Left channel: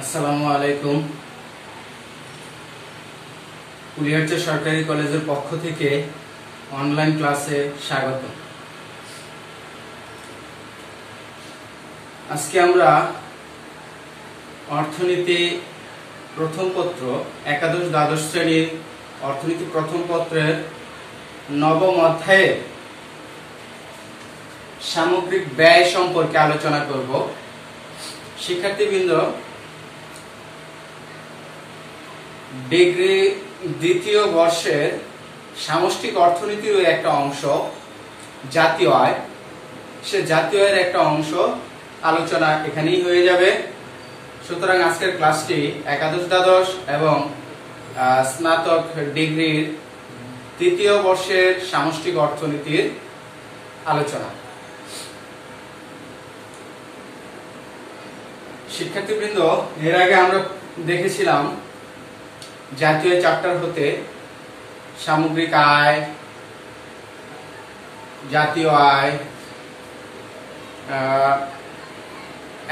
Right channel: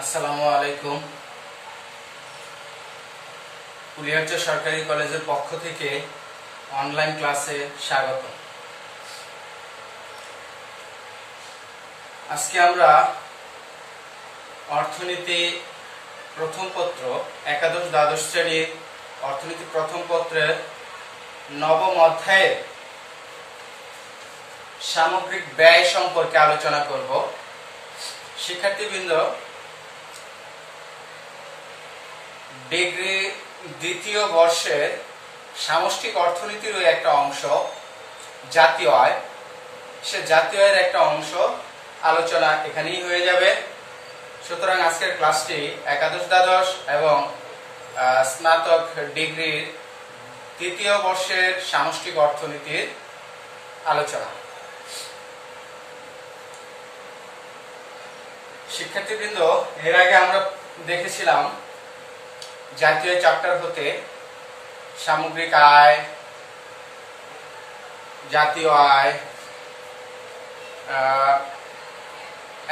আসসালামু আলাইকুম। কুলিয়ারচা সরকারি কলেজের পক্ষ থেকে অনলাইন ক্লাসে স্বাগত। আজকে আমরা অর্থনীতি প্রথম পত্র একাদশ দ্বাদশ শ্রেণীর অর্থনীতি প্রথম পত্রের নবম অধ্যায়ে সামগ্রিক ব্যয় সম্পর্কে আলোচনা করব। শিক্ষার্থীবৃন্দ, ডিগ্রি দ্বিতীয় বর্ষের সামষ্টিক অর্থনীতির একটা অংশ জাতীয় আয়, সে জাতীয় আয়ের একটা অংশ আলোচনা এখানেই হয়ে যাবে। সুতরাং আজকের ক্লাসটি একাদশ দ্বাদশ এবং স্নাতক ডিগ্রির তৃতীয় বর্ষের সামষ্টিক অর্থনীতির আলোচনা। শিক্ষার্থীবৃন্দ, এর আগে আমরা দেখেছিলাম জাতীয় চ্যাপ্টার হতে সামগ্রিক আয়, জাতীয় আয়,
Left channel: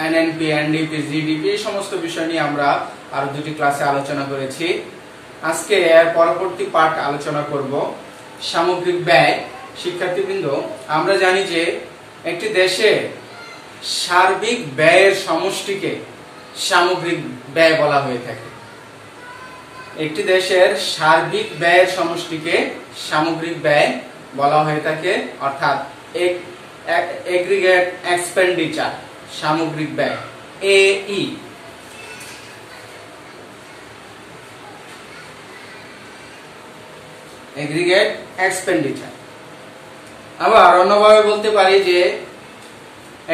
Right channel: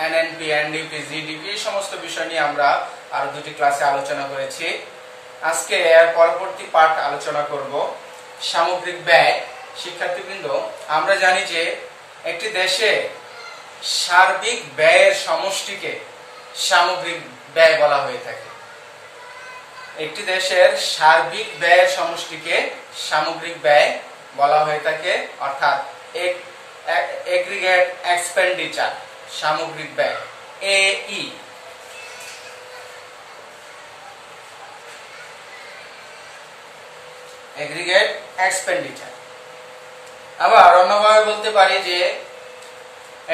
এনএনপি, এনডিপি, জিডিপি এই সমস্ত বিষয় নিয়ে আমরা আরো দুটি ক্লাসে আলোচনা করেছি। আজকে এর পরবর্তী পার্ট আলোচনা করব সামগ্রিক ব্যয়। শিক্ষার্থীবৃন্দ, আমরা জানি যে একটি দেশে সার্বিক ব্যয়ের সমষ্টিকে সামগ্রিক ব্যয় বলা হয়ে থাকে। একটি দেশের সার্বিক ব্যয়ের সমষ্টিকে সামগ্রিক ব্যয় বলা হয়ে থাকে, অর্থাৎ এগ্রিগেট এক্সপেন্ডিচার, সামগ্রিক ব্যয়, এই। Aggregate expenditure. আবার অন্যভাবে বলতে পারি যে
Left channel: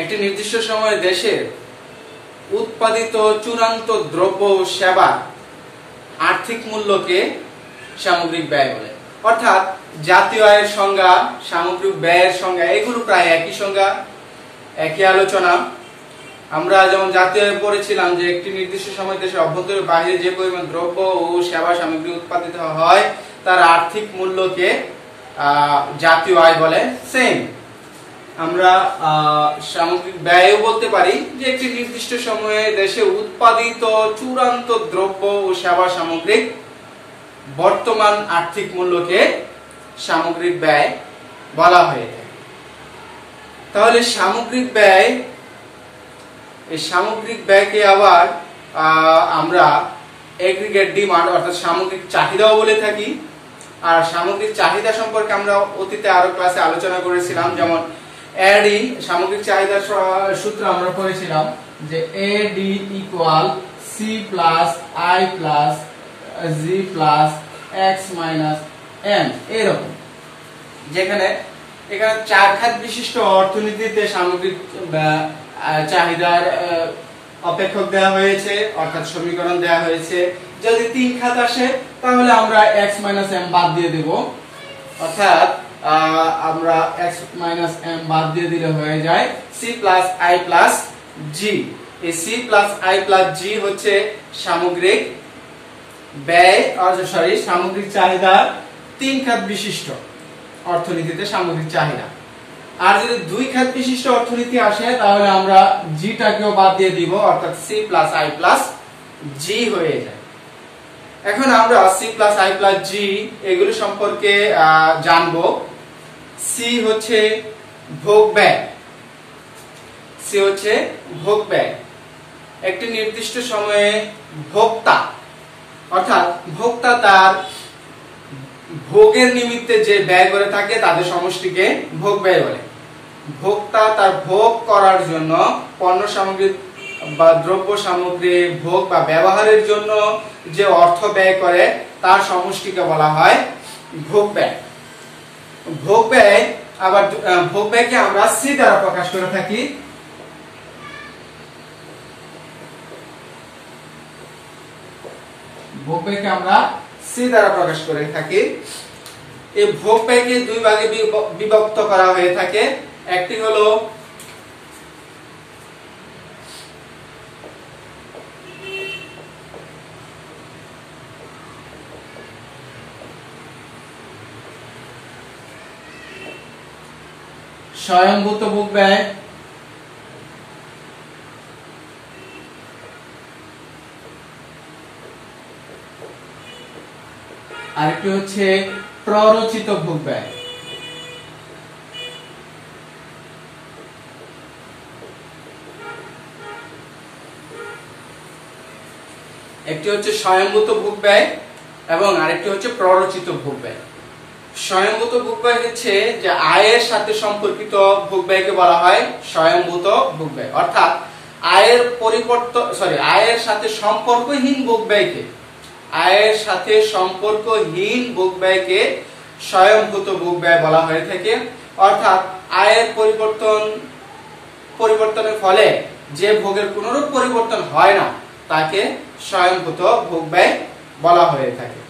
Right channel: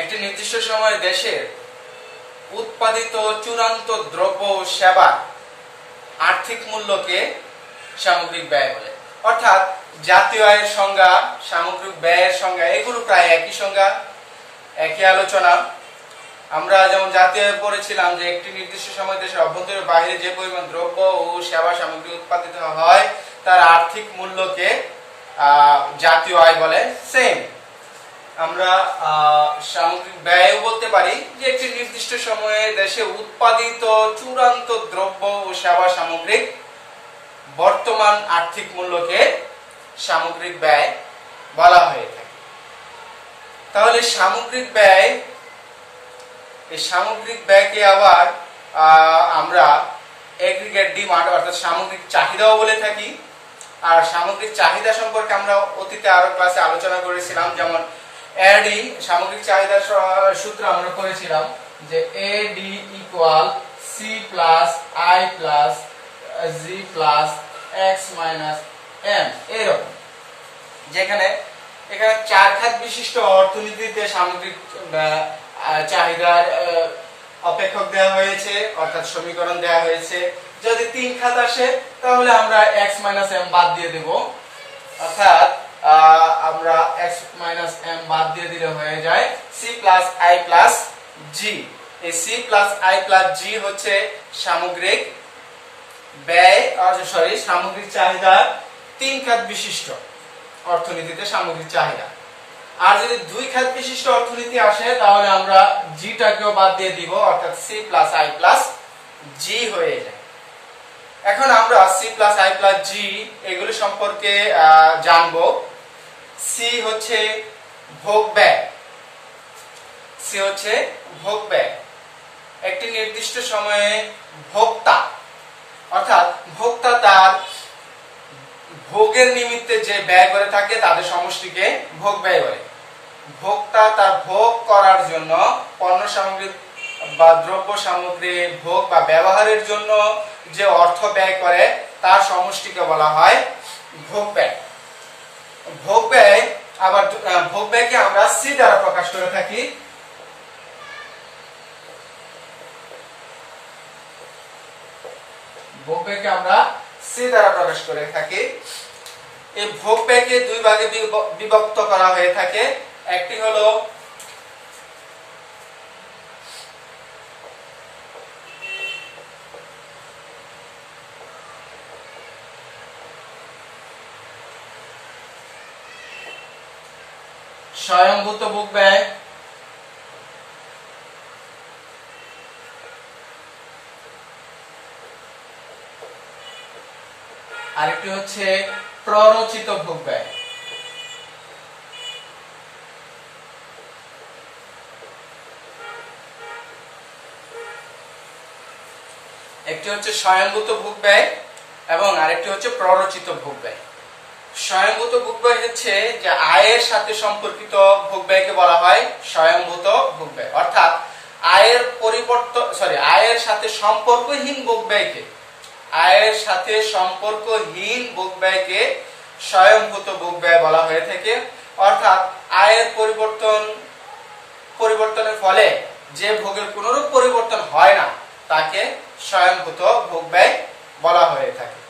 একটি নির্দিষ্ট সময়ে দেশের উৎপাদিত চূড়ান্ত দ্রব্য ও সেবার আর্থিক মূল্যকে সামগ্রিক ব্যয় বলে। অর্থাৎ জাতীয় আয়ের সংজ্ঞা, সামগ্রিক ব্যয়ের সংজ্ঞা এগুলো প্রায় একই সংজ্ঞা, একই আলোচনা। আমরা যেমন জাতীয় আয় পড়েছিলাম যে একটি নির্দিষ্ট সময় দেশের অভ্যন্তরে বাইরে যে পরিমাণ দ্রব্য ও সেবা সামগ্রী উৎপাদিত হয় তার আর্থিক মূল্যকে জাতীয় আয় বলে। সেম আমরা সামগ্রিক ব্যয়ও বলতে পারি যে একটি নির্দিষ্ট সময়ে দেশে উৎপাদিত চূড়ান্ত দ্রব্য ও সেবা সামগ্রিক বর্তমান আর্থিক মূল্যকে সামগ্রিক ব্যয় বলা হয়ে থাকে। তাহলে সামগ্রিক ব্যয়, এই সামগ্রিক ব্যয়কে আবার আমরা এগ্রিগেট ডিমান্ড অর্থাৎ সামগ্রিক চাহিদাও বলে থাকি। আর সামগ্রিক চাহিদা সম্পর্কে আমরা অতীতে আরো ক্লাসে আলোচনা করেছিলাম, যেমন এডি সামগ্রিক চাহিদার সূত্র আমরা পড়েছিলাম যে AD equal C plus I plus G plus X minus M, এরকম। যেখানে এখানে চার খাত বিশিষ্ট অর্থনীতিতে সামগ্রিক চাহিদার অপেক্ষক দেওয়া হয়েছে, অর্থাৎ সমীকরণ দেওয়া হয়েছে। যদি তিন খাত আসে তাহলে আমরা এক্স মাইনাস এম বাদ দিয়ে দেব, অর্থাৎ আমরা x মাইনাস m বাদ দিয়ে দিলে হয়ে যায় c plus i plus g। এই c plus i plus g হচ্ছে সামগ্রিক ব্যয়, সামগ্রিক চাহিদা তিন খাত বিশিষ্ট অর্থনীতিতে সামগ্রিক চাহিদা। আর যদি দুই খাত বিশিষ্ট অর্থনীতি আসে তাহলে আমরা g টাকেও বাদ দিয়ে দিব, অর্থাৎ c plus i plus g হয়ে যায়। এখন আমরা c plus i plus g এগুলো সম্পর্কে জানবো। C হচ্ছে ভোগ ব্যয়, C হচ্ছে ভোগ ব্যয়। একটি নির্দিষ্ট সময়ে ভোক্তা, অর্থাৎ ভোক্তা তার ভোগের নিমিত্তে যে ব্যয় করে থাকে তাদের সমষ্টিকে ভোগ ব্যয় বলে। ভোক্তা তার ভোগ করার জন্য পণ্য সামগ্রী বা দ্রব্য সামগ্রী ভোগ বা ব্যবহারের জন্য যে অর্থ ব্যয় করে তার সমষ্টিকে বলা হয় ভোগ ব্যয়। ভোগ ব্যয়, আবার ভোগ ব্যয়কে আমরা সি দ্বারা প্রকাশ করে থাকি। ভোগ ব্যয়কে আমরা সি দ্বারা প্রকাশ করে থাকি। এই ভোগ ব্যয়কে দুই ভাগে বিভক্ত করা হয়ে থাকে। একটি হলো স্বয়ংভূত ভোগ ব্যয়, আরেকটি হচ্ছে প্ররোচিত ভোগ ব্যয়। একটি হচ্ছে স্বয়ংভূত ভোগ ব্যয় এবং আরেকটি হচ্ছে প্ররোচিত ভোগ ব্যয়। স্বয়ংভূত ভোগ ব্যয় হচ্ছে যে আয়ের সাথে সম্পর্কিত ভোগ ব্যয়কে বলা হয় স্বয়ংভূত ভোগ ব্যয়, অর্থাৎ আয়ের সাথে সম্পর্কহীন ভোগ ব্যয়কে স্বয়ংভূত ভোগ ব্যয় বলা হয়ে থাকে। অর্থাৎ আয়ের পরিবর্তনের ফলে যে ভোগের কোনরূপ পরিবর্তন হয় না তাকে স্বয়ংভূত ভোগ ব্যয় বলা হয়ে থাকে।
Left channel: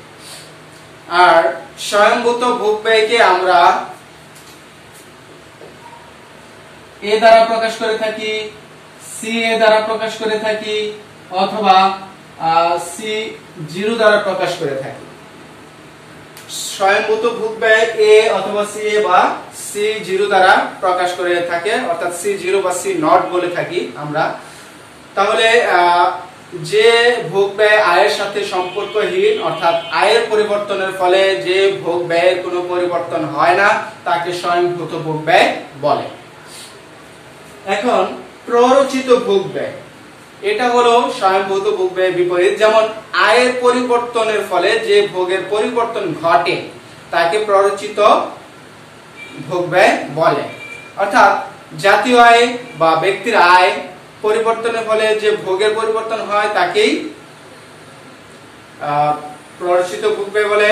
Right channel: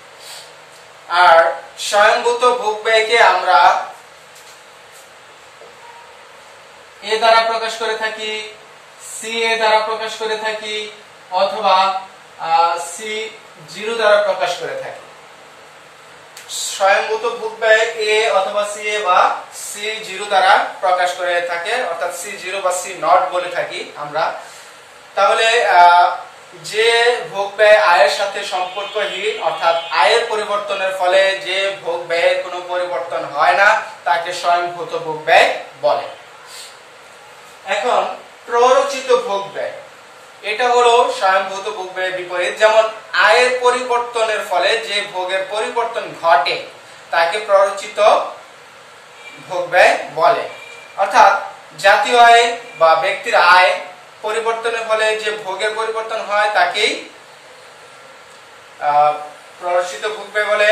আর স্বয়ংভূত ভোগ ব্যয়কে আমরা এ দ্বারা প্রকাশ করে থাকি, সি এ দ্বারা প্রকাশ করে থাকি, অথবা C0 দ্বারা প্রকাশ করে থাকি। স্বয়ংভূত ভোগ ব্যয় এ অথবা সি এ বা C0 দ্বারা প্রকাশ করে থাকে, অর্থাৎ C0 বা C0 বলে থাকি আমরা। তাহলে যে ভোগ ব্যয় আয়ের সাথে সম্পর্কহীন, অর্থাৎ আয়ের পরিবর্তনের ফলে যে ভোগ ব্যয়ের কোনো পরিবর্তন হয় না তাকে স্বয়ংভূত ভোগ ব্যয় বলে। এখন প্ররোচিত ভোগ ব্যয়, এটা হলো স্বয়ংভূত ভোগ ব্যয়ের বিপরীত। যেমন আয়ের পরিবর্তনের ফলে যে ভোগের পরিবর্তন ঘটে তাকে প্ররোচিত ভোগ ব্যয় বলে। অর্থাৎ জাতীয় আয় বা ব্যক্তির আয় পরিবর্তনের ফলে যে ভোগের পরিবর্তন হয় তাকেই প্ররোচিত ভোগ ব্যয় বলে।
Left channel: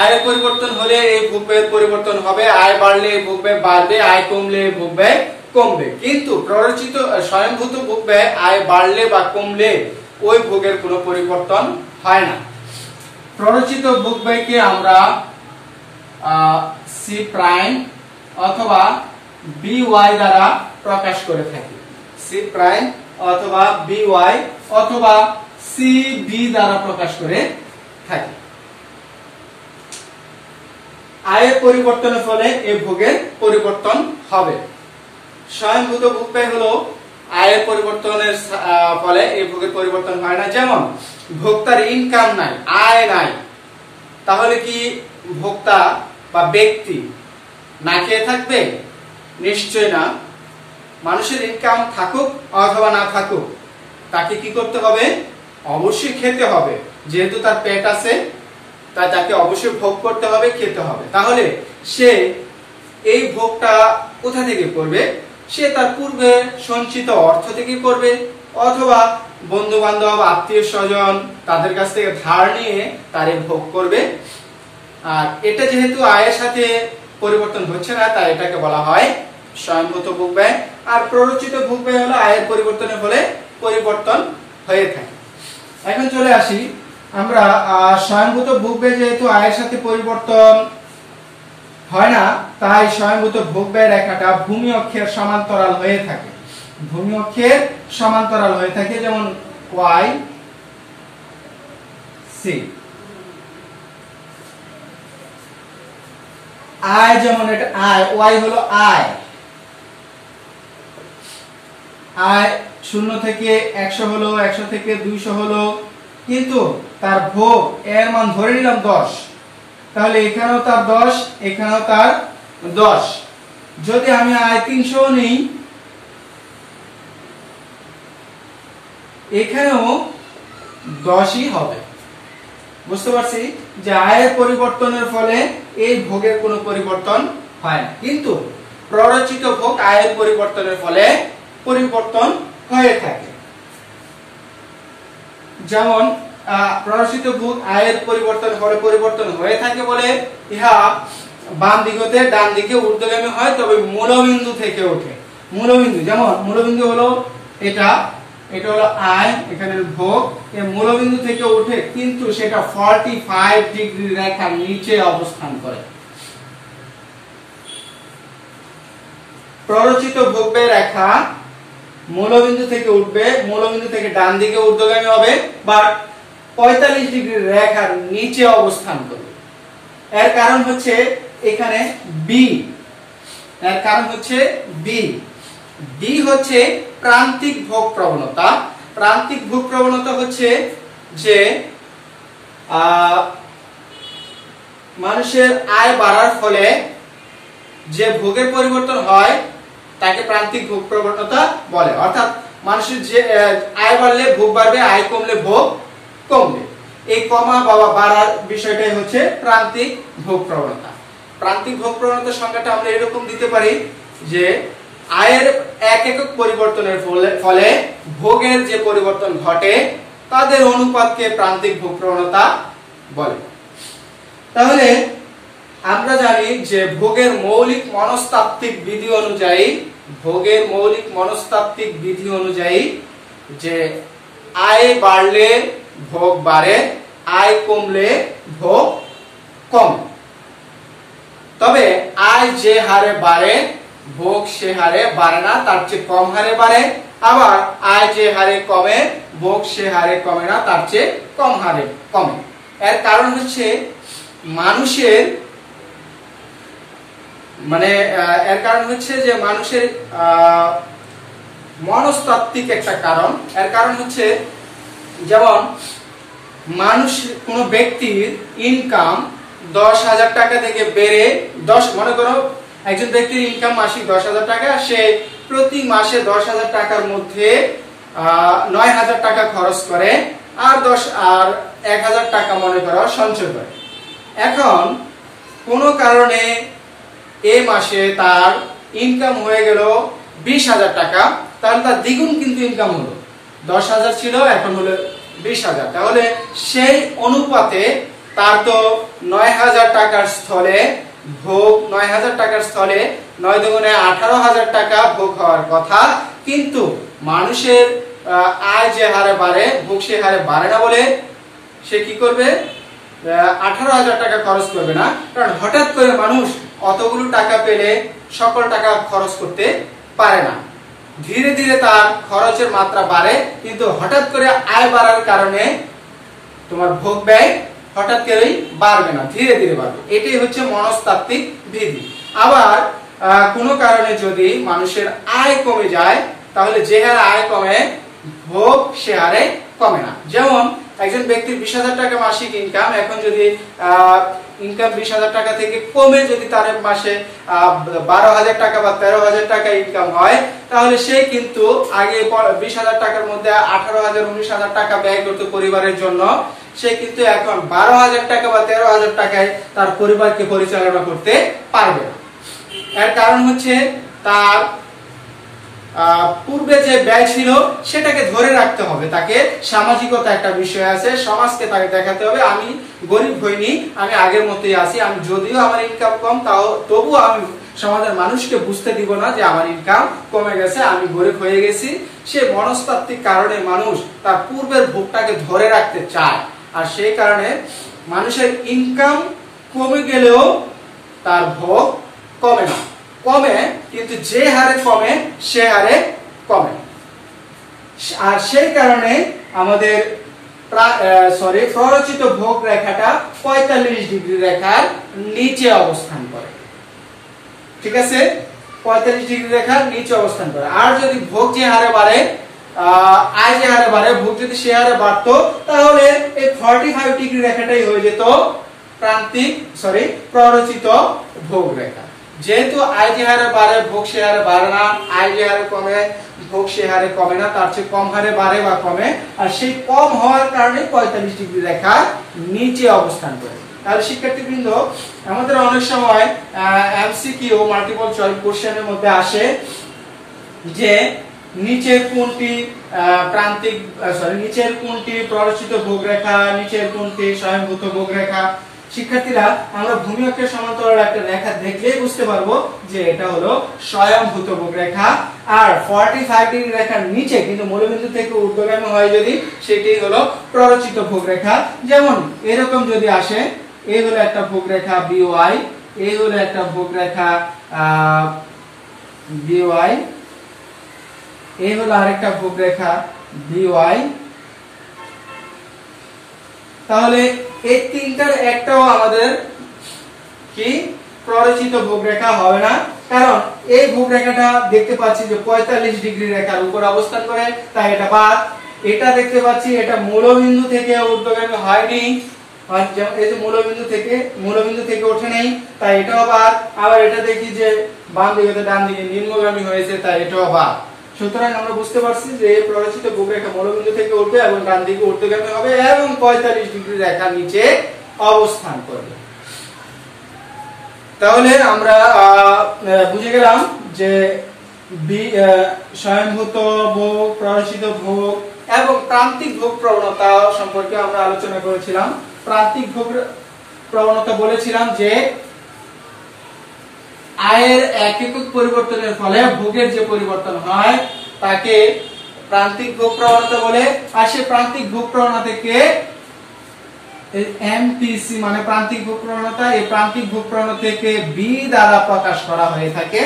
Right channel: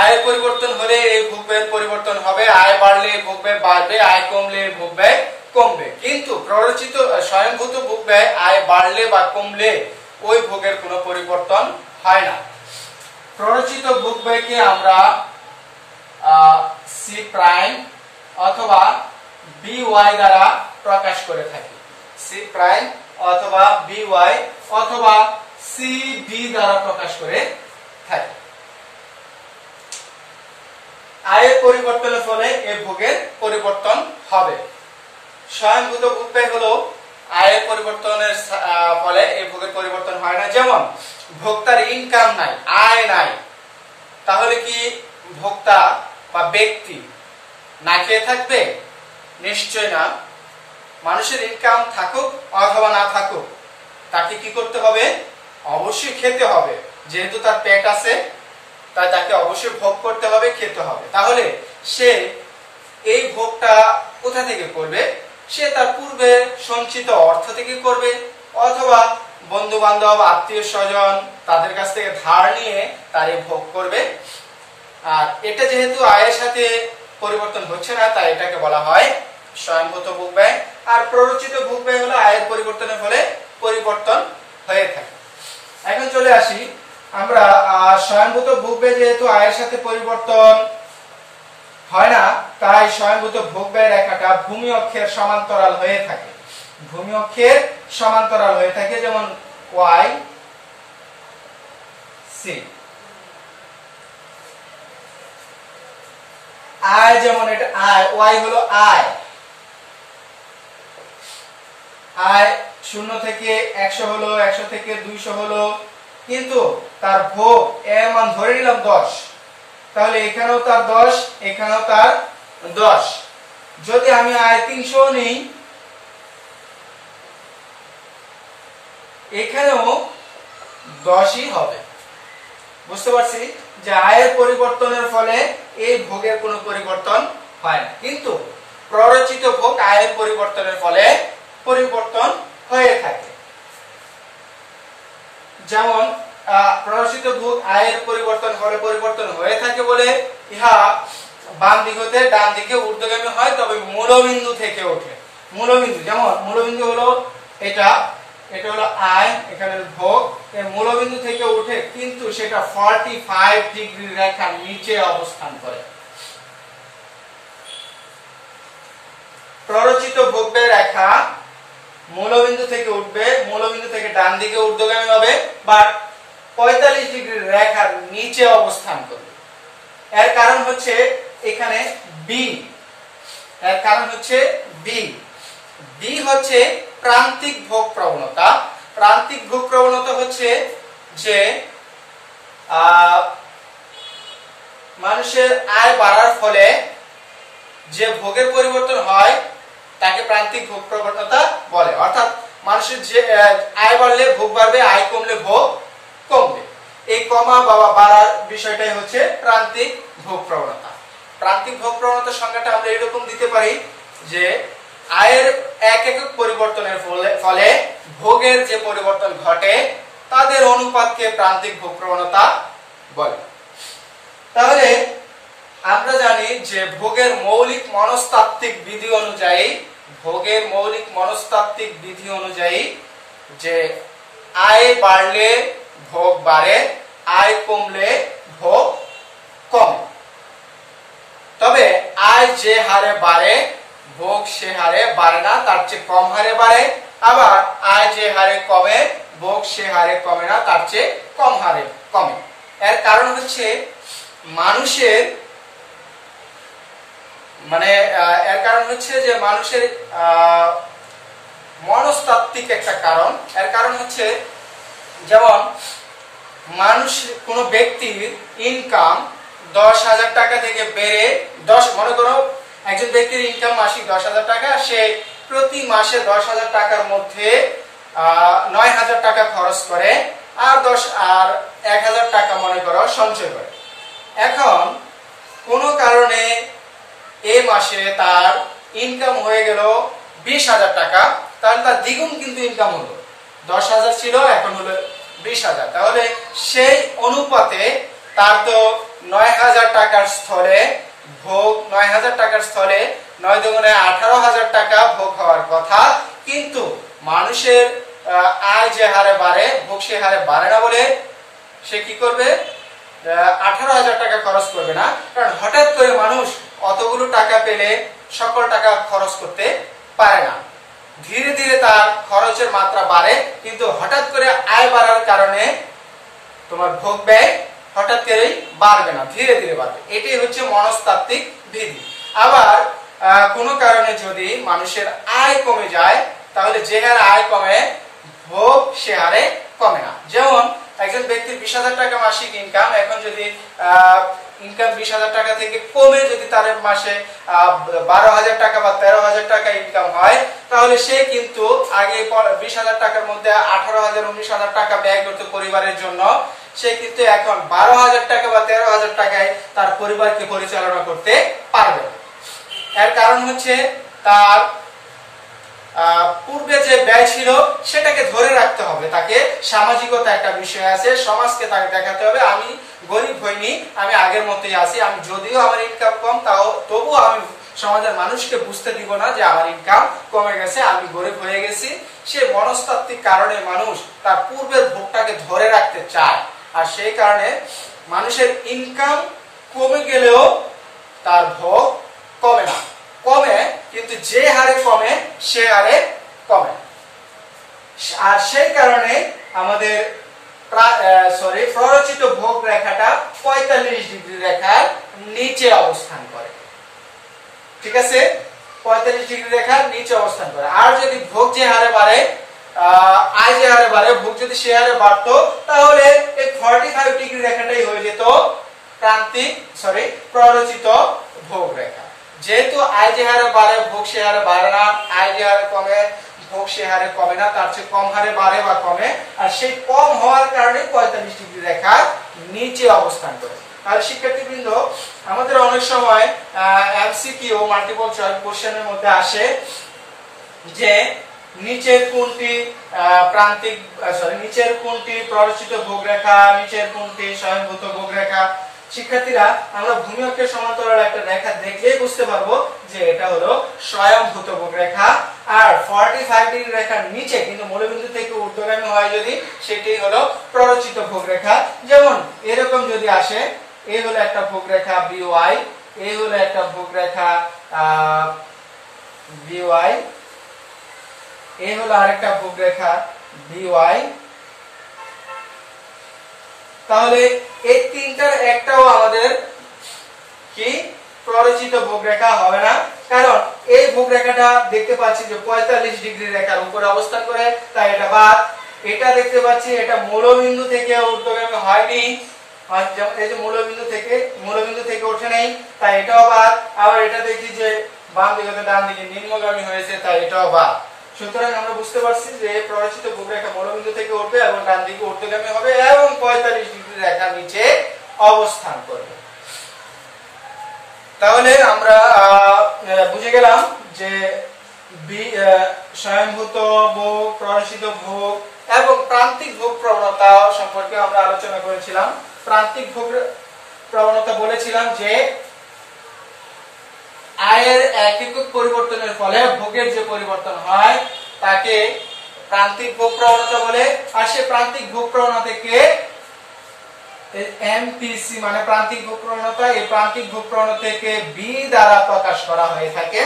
আয়ের পরিবর্তন হলে এই ভোগ ব্যয়ের পরিবর্তন হবে, আয় বাড়লে ভোগ ব্যয় বাড়বে, আয় কমলে ভোগ ব্যয় কমবে। কিন্তু প্ররোচিত স্বয়ংভূত ভোগ ব্যয় আয় বাড়লে বা কমলে ওই ভোগের কোনো পরিবর্তন হয় না। প্ররোচিত ভোগ ব্যয়কে আমরা সি প্রাইম অথবা বিওয়াই দ্বারা প্রকাশ করে থাকি। সি প্রাইম অথবা বিওয়াই অথবা সিবি দ্বারা প্রকাশ করে থাকি। আয়ের পরিবর্তনের ফলে এই ভোগের পরিবর্তন হবে। স্বয়ংভূত ভোগ ব্যয় হলো আয়ের পরিবর্তনের ফলে এই ভোগের পরিবর্তন হয় না। যেমন ভোক্তার ইনকাম নাই, আয় নাই, তাহলে কি ভোক্তা বা ব্যক্তি না খেয়ে থাকবে? নিশ্চয় না। মানুষের ইনকাম থাকুক অথবা না থাকুক তাকে কি করতে হবে? অবশ্যই খেতে হবে। যেহেতু তার পেট আছে তাই তাকে অবশ্যই ভোগ করতে হবে, খেতে হবে। তাহলে সে এই ভোগটা কোথা থেকে করবে? সে তার পূর্বে সঞ্চিত অর্থ থেকে করবে, অথবা বন্ধু বান্ধব, আত্মীয় স্বজন তাদের কাছ থেকে ধার নিয়ে তার এই ভোগ করবে। আর এটা যেহেতু আয়ের সাথে পরিবর্তন হচ্ছে না তাই এটাকে বলা হয় স্বয়ংভূত ভোগ ব্যয়। আর প্ররোচিত ভোগ ব্যয় হলো আয়ের পরিবর্তনের ফলে পরিবর্তন হয়ে থাকে। এখন চলে আসি আমরা স্বয়ংভূত ভোগ ব্যয় যেহেতু আয়ের সাথে পরিবর্তন হয় না তাই স্বয়ংভূত ভোগ ব্যয় রেখাটা ভূমি অক্ষের সমান্তরাল হয়ে থাকে। ভূমি অক্ষের সমান্তরাল হয়ে থাকে, যেমন ওয়াই সি। আয় যেমন এটা আয়, ওয়াই হলো আয়। আয় 0 থেকে 100 হলো, 100 থেকে 200 হলো, কিন্তু তার ভোগ এর মান ধরে নিলাম 10, তাহলে এখানেও তার 10, এখানেও তার 10। যদি আমি আয় 300 নেই, এখানেও 10ই হবে। বুঝতে পারছি যে আয়ের পরিবর্তনের ফলে এই ভোগের কোনো পরিবর্তন হয় না, কিন্তু প্ররোচিত ভোগ আয়ের পরিবর্তনের ফলে পরিবর্তন হয়ে থাকে। যেমন প্ররোচিত ভোগ আয়ের পরিবর্তন ফলে পরিবর্তন হয়ে থাকে বলে ইহা বাম দিকে ডান দিকে ঊর্ধ্বগামী হয়, তবে মূলবিন্দু থেকে ওঠে। মূলবিন্দু যেমন মূলবিন্দু হলো এটা, এটা হলো আয়, এখানে ভোগ, এই মূলবিন্দু থেকে ওঠে, কিন্তু সেটা 45 ডিগ্রি রেখার নিচে অবস্থান করে। প্ররোচিত ভোগ ব্যয় রেখা মূলবিন্দু থেকে উঠবে, মূলবিন্দু থেকে ডান দিকে ঊর্ধ্বগামী হবে, বাট 45 ডিগ্রি রেখার নিচে অবস্থান করবে। এর কারণ হচ্ছে এখানে বি, এর কারণ হচ্ছে বি। বি হচ্ছে প্রান্তিক ভোগ প্রবণতা। প্রান্তিক ভোগ প্রবণতা হচ্ছে যে মানুষের আয় বাড়ার ফলে যে ভোগের পরিবর্তন হয় তাকে প্রান্তিক ভোগ প্রবণতা বলে। অর্থাৎ মানুষের যে আয় বাড়লে ভোগ বাড়বে, আয় কমলে ভোগ কমবে। এই কমা বা বাড়ার বিষয়টাই হচ্ছে প্রান্তিক ভোগ প্রবণতা। প্রান্তিক ভোগ প্রবণতার সংজ্ঞাটা আমরা এরকম দিতে পারি যে আয়ের এক একক পরিবর্তনের ফলে ভোগের যে পরিবর্তন ঘটে তাদের অনুপাতকে প্রান্তিক ভোগ প্রবণতা বলে। তাহলে আমরা জানি যে ভোগের মৌলিক মনস্তাত্ত্বিক বিধি অনুযায়ী যে আয় বাড়লে ভোগ বাড়ে, আয় কমলে ভোগ কমে। তবে আয় যে হারে বাড়ে ভোগ সে হারে বাড়ে না, তার চেয়ে কম হারে বাড়ে। আবার আয় যে হারে কমে ভোগ সে হারে কমে না, তার চেয়ে কম হারে কমে। এর কারণ হচ্ছে মানুষের যে মানুষের মনস্তাত্ত্বিক একটা কারণ। এর কারণ হচ্ছে যেমন মানুষ, কোন ব্যক্তির ইনকাম 10,000 টাকা থেকে বেড়ে মনে করো একজন ব্যক্তির ইনকাম মাসিক 10,000 টাকা, সে প্রতি মাসে 10,000 টাকার মধ্যে 9,000 টাকা খরচ করে আর 1,000 টাকা মনে করো সঞ্চয় করে। এখন কোন কারণে এই মাসে তার ইনকাম হয়ে গেল 20,000 টাকা, তাহলে তার দ্বিগুণ কিন্তু ইনকাম হলো। 10,000 ছিল, এখন হলো 20,000। তাহলে সেই অনুপাতে তার তো 9,000 টাকার স্থলে ভোগ 9,000 টাকার স্থলে 9 দুগুণে 18,000 টাকা ভোগ হওয়ার কথা। কিন্তু মানুষের আয় যে হারে বাড়ে ভোগ সে হারে বাড়ে না বলে সে কি করবে, 18,000 টাকা খরচ করবে না। কারণ হঠাৎ করে মানুষ অতগুলো টাকা পেলে সকল টাকা খরচ করতে পারে না। ধীরে ধীরে তার খরচের মাত্রা বাড়ে, কিন্তু হঠাৎ করে আয় বাড়ার কারণে তোমার ভোগ ব্যয় হঠাৎ করেই বাড়বে না, ধীরে ধীরে বাড়বে। এটাই হচ্ছে মনস্তাত্ত্বিক বিধি। আবার কোনো কারণে যদি মানুষের আয় কমে যায়, তাহলে যে হারে আয় কমে ভোগ সে হারে কমে না। যেমন একজন ব্যক্তির 20,000 টাকা মাসিক ইনকাম, এখন যদি ইনকাম 20,000 টাকা থেকে কমে যদি তার মাসে 12,000 টাকা বা 13,000 টাকা ইনকাম হয়, তাহলে সে কিন্তু আগে 20,000 টাকার মধ্যে 18,000 19,000 টাকা ব্যয় করতে পরিবারের জন্য, সে কিন্তু এখন 12,000 টাকা বা 13,000 টাকায় তার পরিবারকে পরিচালনা করতে পারবে না। এর কারণ হচ্ছে তার পূর্বে যে ব্যয় ছিল সেটাকে ধরে রাখতে হবে। তাকে সামাজিকতা একটা বিষয় আছে, সমাজকে তাকে দেখাতে হবে আমি গরিব হইনি, আমি আগের মতোই আছি। আমি যদিও আমার ইনকাম কম, তবুও আমি সমাজের মানুষকে বুঝতে দিব না যে আমার ইনকাম কমে গেছে, আমি গরিব হয়ে গেছি। সে মনস্তাত্ত্বিক কারণে মানুষ তার পূর্বের ভোগটাকে ধরে রাখতে চায়। আর সেই কারণে মানুষের ইনকাম কমে গেলেও তার ভোগ কমে না, কমে কিন্তু যে হারে কমে সে হারে কমে। আর সেই কারণে আমাদের প্ররোচিত ভোগ রেখাটা 45 ডিগ্রি রেখার নিচে অবস্থান করে। ঠিক আছে, 45 ডিগ্রি রেখার নিচে অবস্থান করে। আর যদি ভোগ যে হারে বাড়ে, আয় যে হারে বাড়ে, ভোগ যদি সে হারে বাড়তো, তাহলে এই 45 ডিগ্রি রেখাটাই হয়ে যেত প্ররোচিত ভোগ রেখা। যেহেতু আয় যে হারে বাড়ে ভোগ সে হারে বাড়ে না, আয় যে হারে কমে ভোগ সে হারে কমে না, তার চেয়ে কম হারে বাড়ে বা কমে। আর সেই কম হওয়ার কারণে 45 ডিগ্রি রেখার নিচে অবস্থান করে। তাহলে শিক্ষার্থীবৃন্দ, আমাদের অনেক সময় এমসিকিউ মাল্টিপল চয়েস কোশ্চেনের মধ্যে আসে যে নিচের কোনটি নিচের কোনটি প্ররোচিত ভোগ রেখা, নিচের কোনটি স্বয়ংভূত ভোগ রেখা। শিক্ষার্থীরা, আমরা ভূমি অক্ষের সমান্তরাল একটা রেখা দেখলেই বুঝতে পারবো যে এটা হলো স্বয়ংভূত ভোগ রেখা। আর 45 ডিগ্রি রেখার নিচে কিন্তু মূলবিন্দু থেকে ঊর্ধ্বগামী হয় যদি, সেটি হলো প্ররোচিত ভোগ রেখা। যেমন এরকম যদি আসে, এই হলো একটা ভোগ রেখা BY, এই হলো একটা ভোগ রেখা BY, এই হলো আরেকটা ভোগ রেখা BY। তাহলে এই তিনটার একটাও আমাদের কি প্ররোচিত ভোগ রেখা হবে না, কারণ এই ভোগ রেখাটা দেখতে পাচ্ছি যে 45 ডিগ্রি রেখার উপর অবস্থান করে, তাই এটা বাদ। এটা দেখতে পাচ্ছি এটা মূলবিন্দু থেকে ঊর্ধ্বগামী হয়নি, এই যে মূলবিন্দু থেকে ওঠে নেই, তাই এটাও বাদ। আবার এটা দেখি যে বাম দিকে ডান দিকে নিম্নগামী হয়েছে, তাই এটাও বাদ। সুতরাং আমরা বুঝতে পারছি যে প্ররোচিত ভূরেখা মূলবিন্দু থেকে উঠবে এবং ডান দিকে ঊর্ধ্বগামী হবে এবং 45 ডিগ্রি রেখার নিচে অবস্থান করবে। তাহলে আমরা বুঝে গেলাম যে স্বয়ংভূত ভোগ, প্ররোচিত ভোগ এবং প্রান্তিক ভোগ প্রবণতা সম্পর্কে আমরা আলোচনা করেছিলাম। প্রান্তিক ভোগ প্রবণতা বলেছিলাম যে আয়ের এক একক পরিবর্তনের ফলে ভোগের যে পরিবর্তন হয় তাকে প্রান্তিক ভোগ প্রবণতা বলে। আর সে প্রান্তিক ভোগ প্রবণতাকে এমপিসি মানে প্রান্তিক ভোগ প্রবণতা, এই প্রান্তিক ভোগ প্রবণতাকে বি দ্বারা প্রকাশ করা হয়ে থাকে।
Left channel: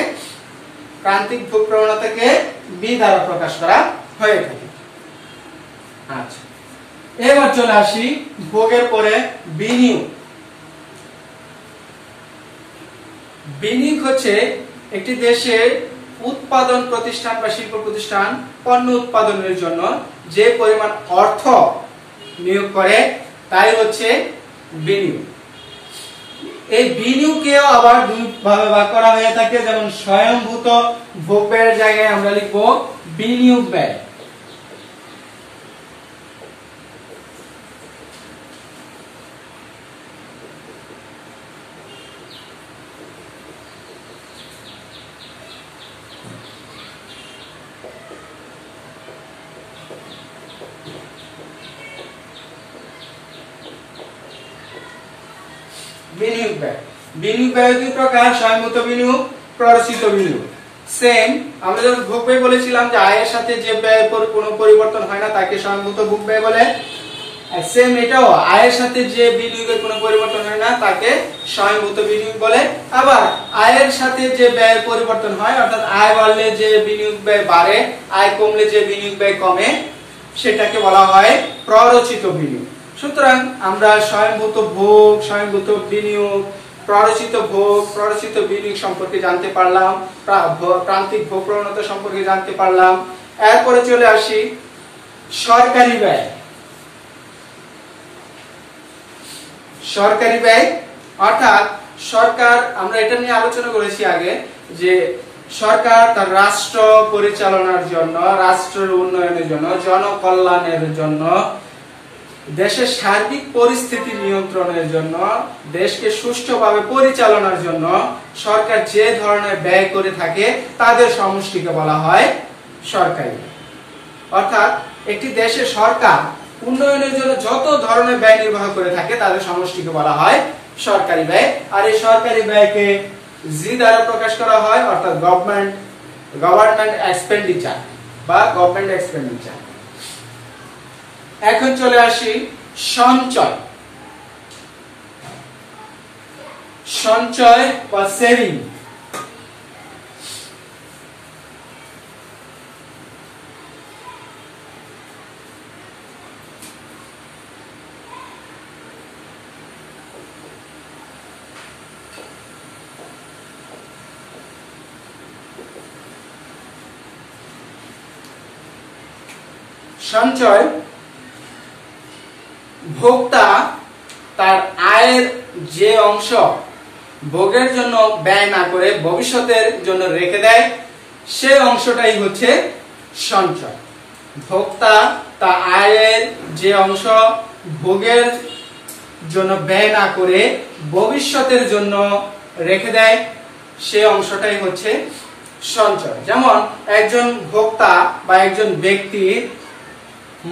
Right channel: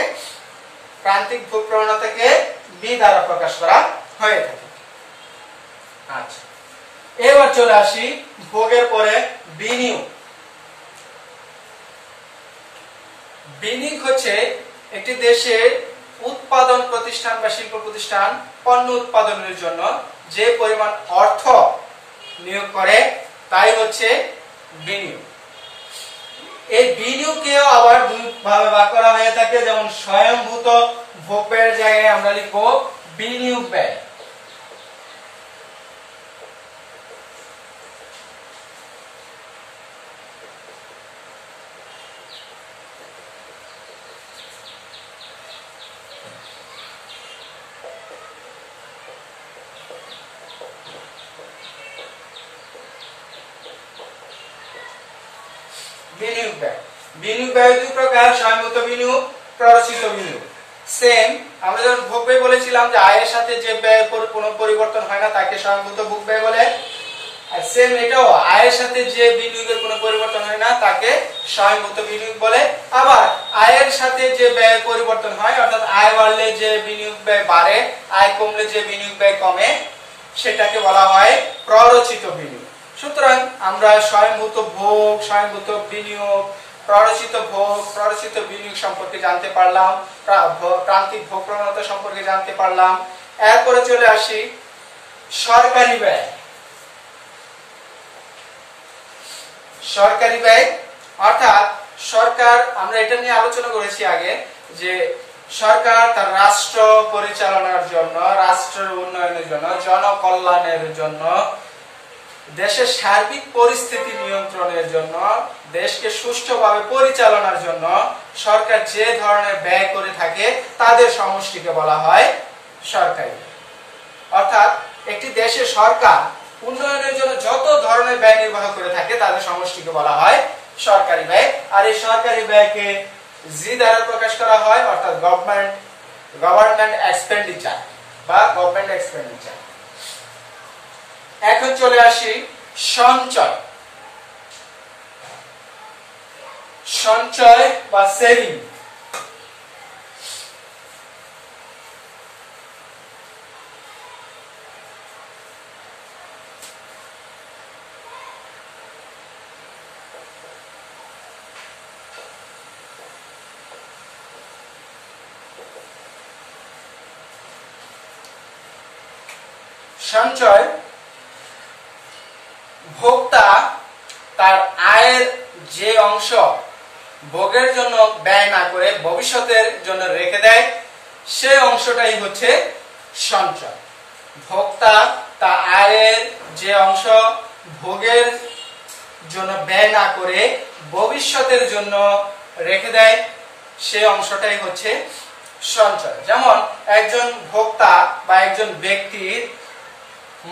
প্রান্তিক ভোগ প্রবণতাকে বি দ্বারা প্রকাশ করা হয়ে থাকে। আচ্ছা, এবার চলে আসি ভোগের পরে বিনিয়োগ। বিনিয়োগ হচ্ছে একটি দেশে উৎপাদন প্রতিষ্ঠান বা শিল্প প্রতিষ্ঠান পণ্য উৎপাদনের জন্য যে পরিমাণ অর্থ নিয়োগ করে তাই হচ্ছে বিনিয়োগ। এই বিনিয়োগকেও আবার দুই ভাবে ভাগ করা হয়ে থাকে, যেমন স্বয়ংভূত ভোগ ব্যয়ের জায়গায় আমরা লিখব বিনিয়োগ ব্যয়। বিনিয়োগ ব্যয়, বিনিয়োগ ব্যয় দুই প্রকার, স্বয়ংভূত বিনিয়োগ, প্ররোচিত বিনিয়োগ। সেম আমরা যখন ভোগ ব্যয় বলেছিলাম যে আয়ের সাথে যে ব্যয়ের কোনো পরিবর্তন হয় না তাকে স্বয়ংভূত ভোগ ব্যয় বলে। আর সেম এটাও আয়ের সাথে যে বিনিয়োগের কোনো পরিবর্তন হয় না তাকে স্বয়ংভূত বিনিয়োগ বলে। আবার আয়ের সাথে যে ব্যয়ের পরিবর্তন হয়, অর্থাৎ আয় বাড়লে যে বিনিয়োগ ব্যয় বাড়ে, আয় কমলে যে বিনিয়োগ ব্যয় কমে, সেটাকে বলা হয় প্ররোচিত বিনিয়োগ। সুতরাং আমরা স্বয়ংভূত ভোগ, স্বয়ংভূত বিনিয়োগ, প্ররোচিত ভোগ, প্ররোচিত বিনিয়োগ সম্পর্কে জানতে পারলাম, প্রান্তিক ভোগ প্রবণতা সম্পর্কে জানতে পারলাম। এরপরে চলে আসি সরকারি ব্যয়। সরকারি ব্যয় অর্থাৎ সরকার, আমরা এটা নিয়ে আলোচনা করেছি আগে যে সরকার তার রাষ্ট্র পরিচালনার জন্য, রাষ্ট্রের উন্নয়নের জন্য, জনকল্যাণের জন্য, দেশের সার্বিক পরিস্থিতি নিয়ন্ত্রণের জন্য, দেশকে সুষ্ঠুভাবে পরিচালনার জন্য সরকার যে ধরনের ব্যয় করে থাকে তাদের সমষ্টিকে বলা হয় সরকারি ব্যয়। অর্থাৎ একটি দেশের সরকার উন্নয়নের জন্য যত ধরনের ব্যয় নির্বাহ করে থাকে তাদের সমষ্টিকে বলা হয় সরকারি ব্যয়। আর এই সরকারি ব্যয়কে জি দ্বারা প্রকাশ করা হয়, অর্থাৎ গভর্নমেন্ট এক্সপেন্ডিচার বা গভর্নমেন্ট এক্সপেন্ডিচার। এখন চলে আসি সঞ্চয়। সঞ্চয় বা সেভিং। সঞ্চয় ভোক্তা তার আয়ের যে অংশ ভোগের জন্য ব্যয় না করে ভবিষ্যতের জন্য রেখে দেয়, সে অংশটাই হচ্ছে সঞ্চয়। ভোক্তা তার আয়ের যে অংশ ভোগের জন্য ব্যয় না করে ভবিষ্যতের জন্য রেখে দেয়, সে অংশটাই হচ্ছে সঞ্চয়। যেমন একজন ভোক্তা বা একজন ব্যক্তির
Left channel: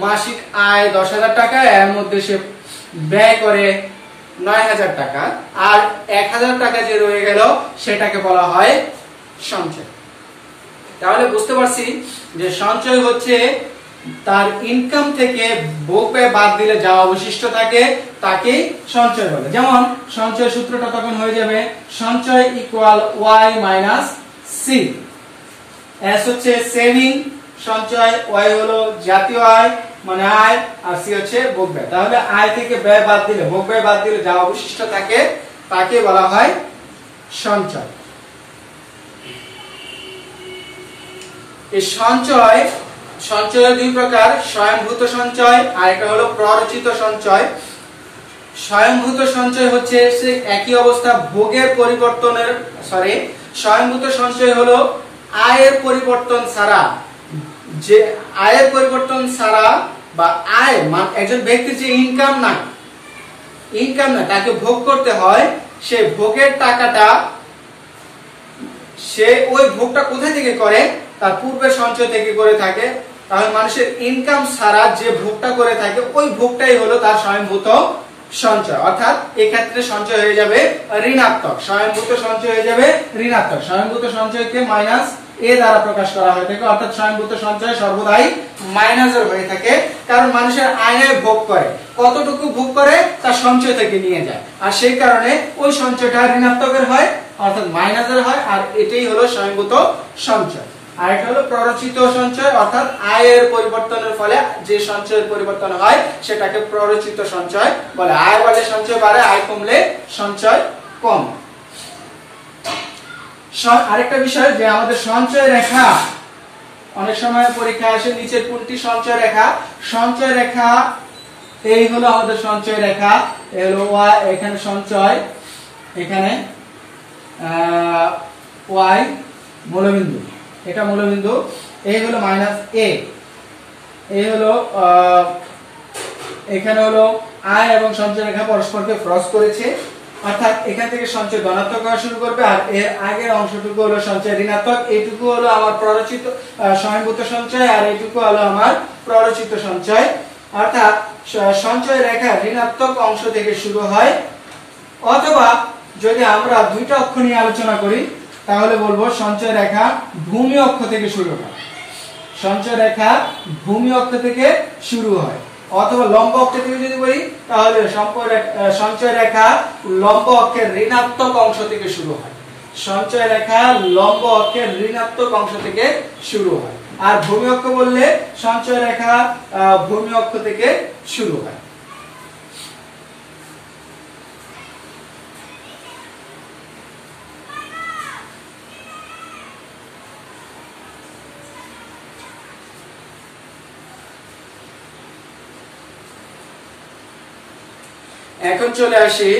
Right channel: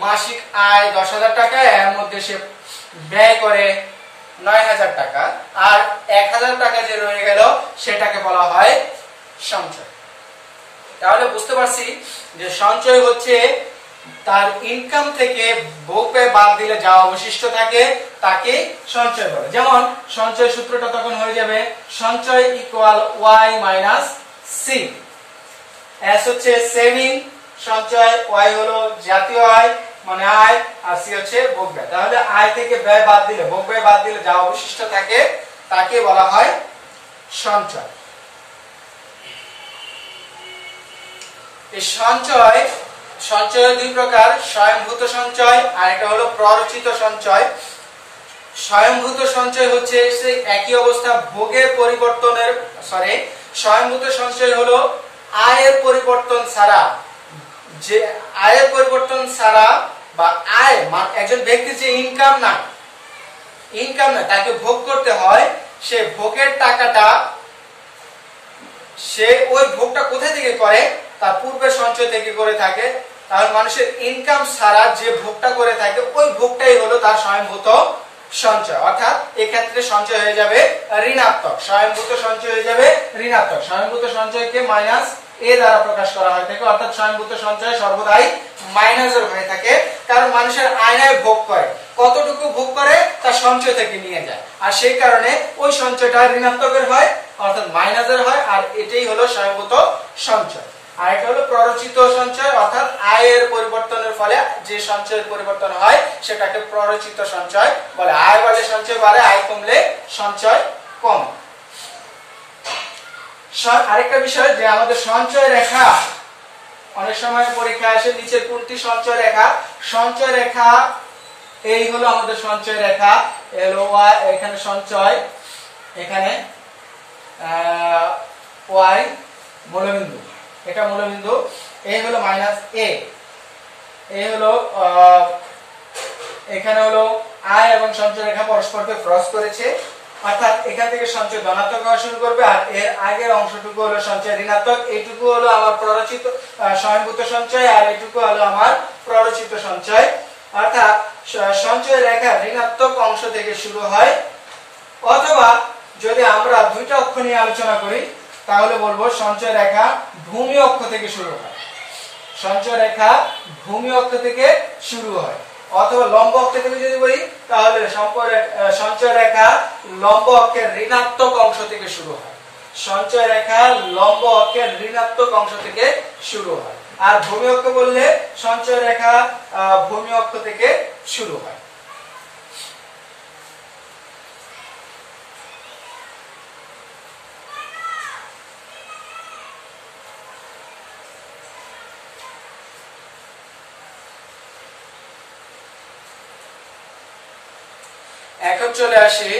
মাসিক আয় 10,000 টাকা, এর মধ্যে সে ব্যয় করে 9,000 টাকা, আর 1,000 টাকা যে রয়ে গেল সেটাকে বলা হয় সঞ্চয়। তাহলে বুঝতে পারছি যে সঞ্চয় হচ্ছে তার ইনকাম থেকে ভোগ ব্যয় বাদ দিলে যা অবশিষ্ট থাকে তাকে সঞ্চয় বলে। যেমন সঞ্চয় সূত্রটা তখন হয়ে যাবে সঞ্চয় equal Y minus C. S হচ্ছে সেভিং, সঞ্চয়, ওয়াই হলো জাতীয় আয় মানে আয়, আর সি হচ্ছে ভোগ ব্যয়। তাহলে আয় থেকে ব্যয় বাদ দিলে, ভোগ ব্যয় বাদ দিলে যা অবশিষ্ট থাকে তাকে বলা হয় সঞ্চয়। এই সঞ্চয়, সঞ্চয় দুই প্রকার, স্বয়ংভূত সঞ্চয় আর এটা হলো প্ররোচিত সঞ্চয়। স্বয়ংভূত সঞ্চয় হচ্ছে সেই একই অবস্থা ভোগের পরিবর্তনের স্বয়ংভূত সঞ্চয় হলো আয়ের পরিবর্তন ছাড়া, যে আয়ের পরিবর্তন ছাড়া বা আয় একজন ব্যক্তির যে ইনকাম না তাকে ভোগ করতে হয়, সে ভোগের টাকাটা সে ওই ভোগটা কোথা থেকে করে, তার পূর্বের সঞ্চয় থেকে করে থাকে। তাহলে মানুষের ইনকাম ছাড়া যে ভোগটা করে থাকে ওই ভোগটাই হলো তার স্বয়ংভূত সঞ্চয়, অর্থাৎ এই ক্ষেত্রে সঞ্চয় হয়ে যাবে ঋণাত্মক, স্বয়ংভূত সঞ্চয় হয়ে যাবে ঋণাত্মক। স্বয়ংভূত সঞ্চয়কে মাইনাস এ দ্বারা প্রকাশ করা হয়ে থাকে, অর্থাৎ স্বয়ংভূত সঞ্চয় সর্বদাই মাইনাসের হয়ে থাকে, কারণ মানুষের আয় ভোগ করে, কতটুকু ভোগ করে তার সঞ্চয় থেকে নিয়ে যায়, আর সেই কারণে ওই সঞ্চয়টা ঋণাত্মকের হয়, অর্থাৎ মাইনাসের হয়, আর এটাই হলো স্বয়ংভূত সঞ্চয়। আর এটা হলো প্ররোচিত সঞ্চয়, অর্থাৎ আয়ের পরিবর্তনের ফলে যে সঞ্চয়ের পরিবর্তন হয় সেটাকে প্ররোচিত সঞ্চয় বলে। আয় বাড়লে সঞ্চয় বাড়ে, আয় কমলে সঞ্চয় কম। আরেকটা বিষয় যে আমাদের সঞ্চয় রেখা অনেক সময় পরীক্ষায় আসে, নিচের কোনটি সঞ্চয় রেখা? সঞ্চয় রেখা এই হলো আমাদের সঞ্চয় রেখা, হলো এখানে সঞ্চয়, এখানে ওয়াই মূলবিন্দু, এটা মূলবিন্দু, এই হলো মাইনাস এ, এই হলো এখানে হলো আয় এবং সঞ্চয় রেখা পরস্পরকে ক্রস করেছে, অর্থাৎ এখান থেকে সঞ্চয় ধনাত্মক হওয়া শুরু করবে, আর এর আগের অংশটুকু হলো সঞ্চয় ঋণাত্মক, এইটুকু হলো আমার প্ররোচিত স্বয়ংভূত সঞ্চয়, আর এইটুকু হলো আমার প্ররোচিত সঞ্চয়। অর্থাৎ সঞ্চয় রেখা ঋণাত্মক অংশ থেকে শুরু হয়, অথবা যদি আমরা দুইটা অক্ষ নিয়ে আলোচনা করি তাহলে বলবো সঞ্চয় রেখা ভূমি অক্ষ থেকে শুরু হয়, সঞ্চয় রেখা ভূমি অক্ষ থেকে শুরু হয়, অথবা লম্ব অক্ষ থেকে যদি বলি তাহলে সঞ্চয় রেখা লম্ব অক্ষের ঋণাত্মক অংশ থেকে শুরু হয়, সঞ্চয় রেখা লম্ব অক্ষের ঋণাত্মক অংশ থেকে শুরু হয়। আর ভূমি অক্ষ বললে সঞ্চয় রেখা ভূমি অক্ষ থেকে শুরু হয়। এখন চলে আসি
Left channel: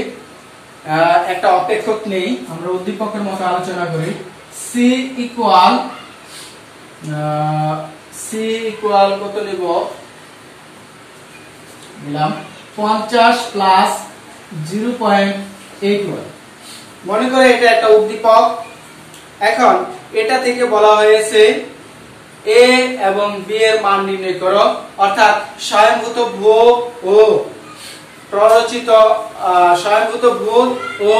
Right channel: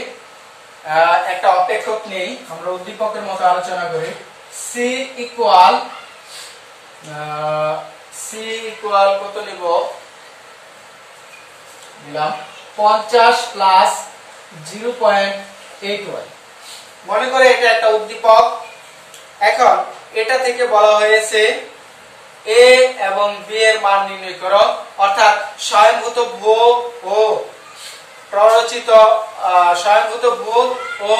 একটা অপেক্ষক নেই, আমরা উদ্দীপকের মতো আলোচনা করি। সি ইকুয়াল কত নিব, নিলাম 50 প্লাস 0.81। মনে করে এটা একটা উদ্দীপক। এখন এটা থেকে বলা হয়েছে এ এবং বি এর মান নির্ণয় করো, অর্থাৎ স্বয়ংভূত ভোগ ও প্ররোচিত স্বয়ংভূত ভোগ ও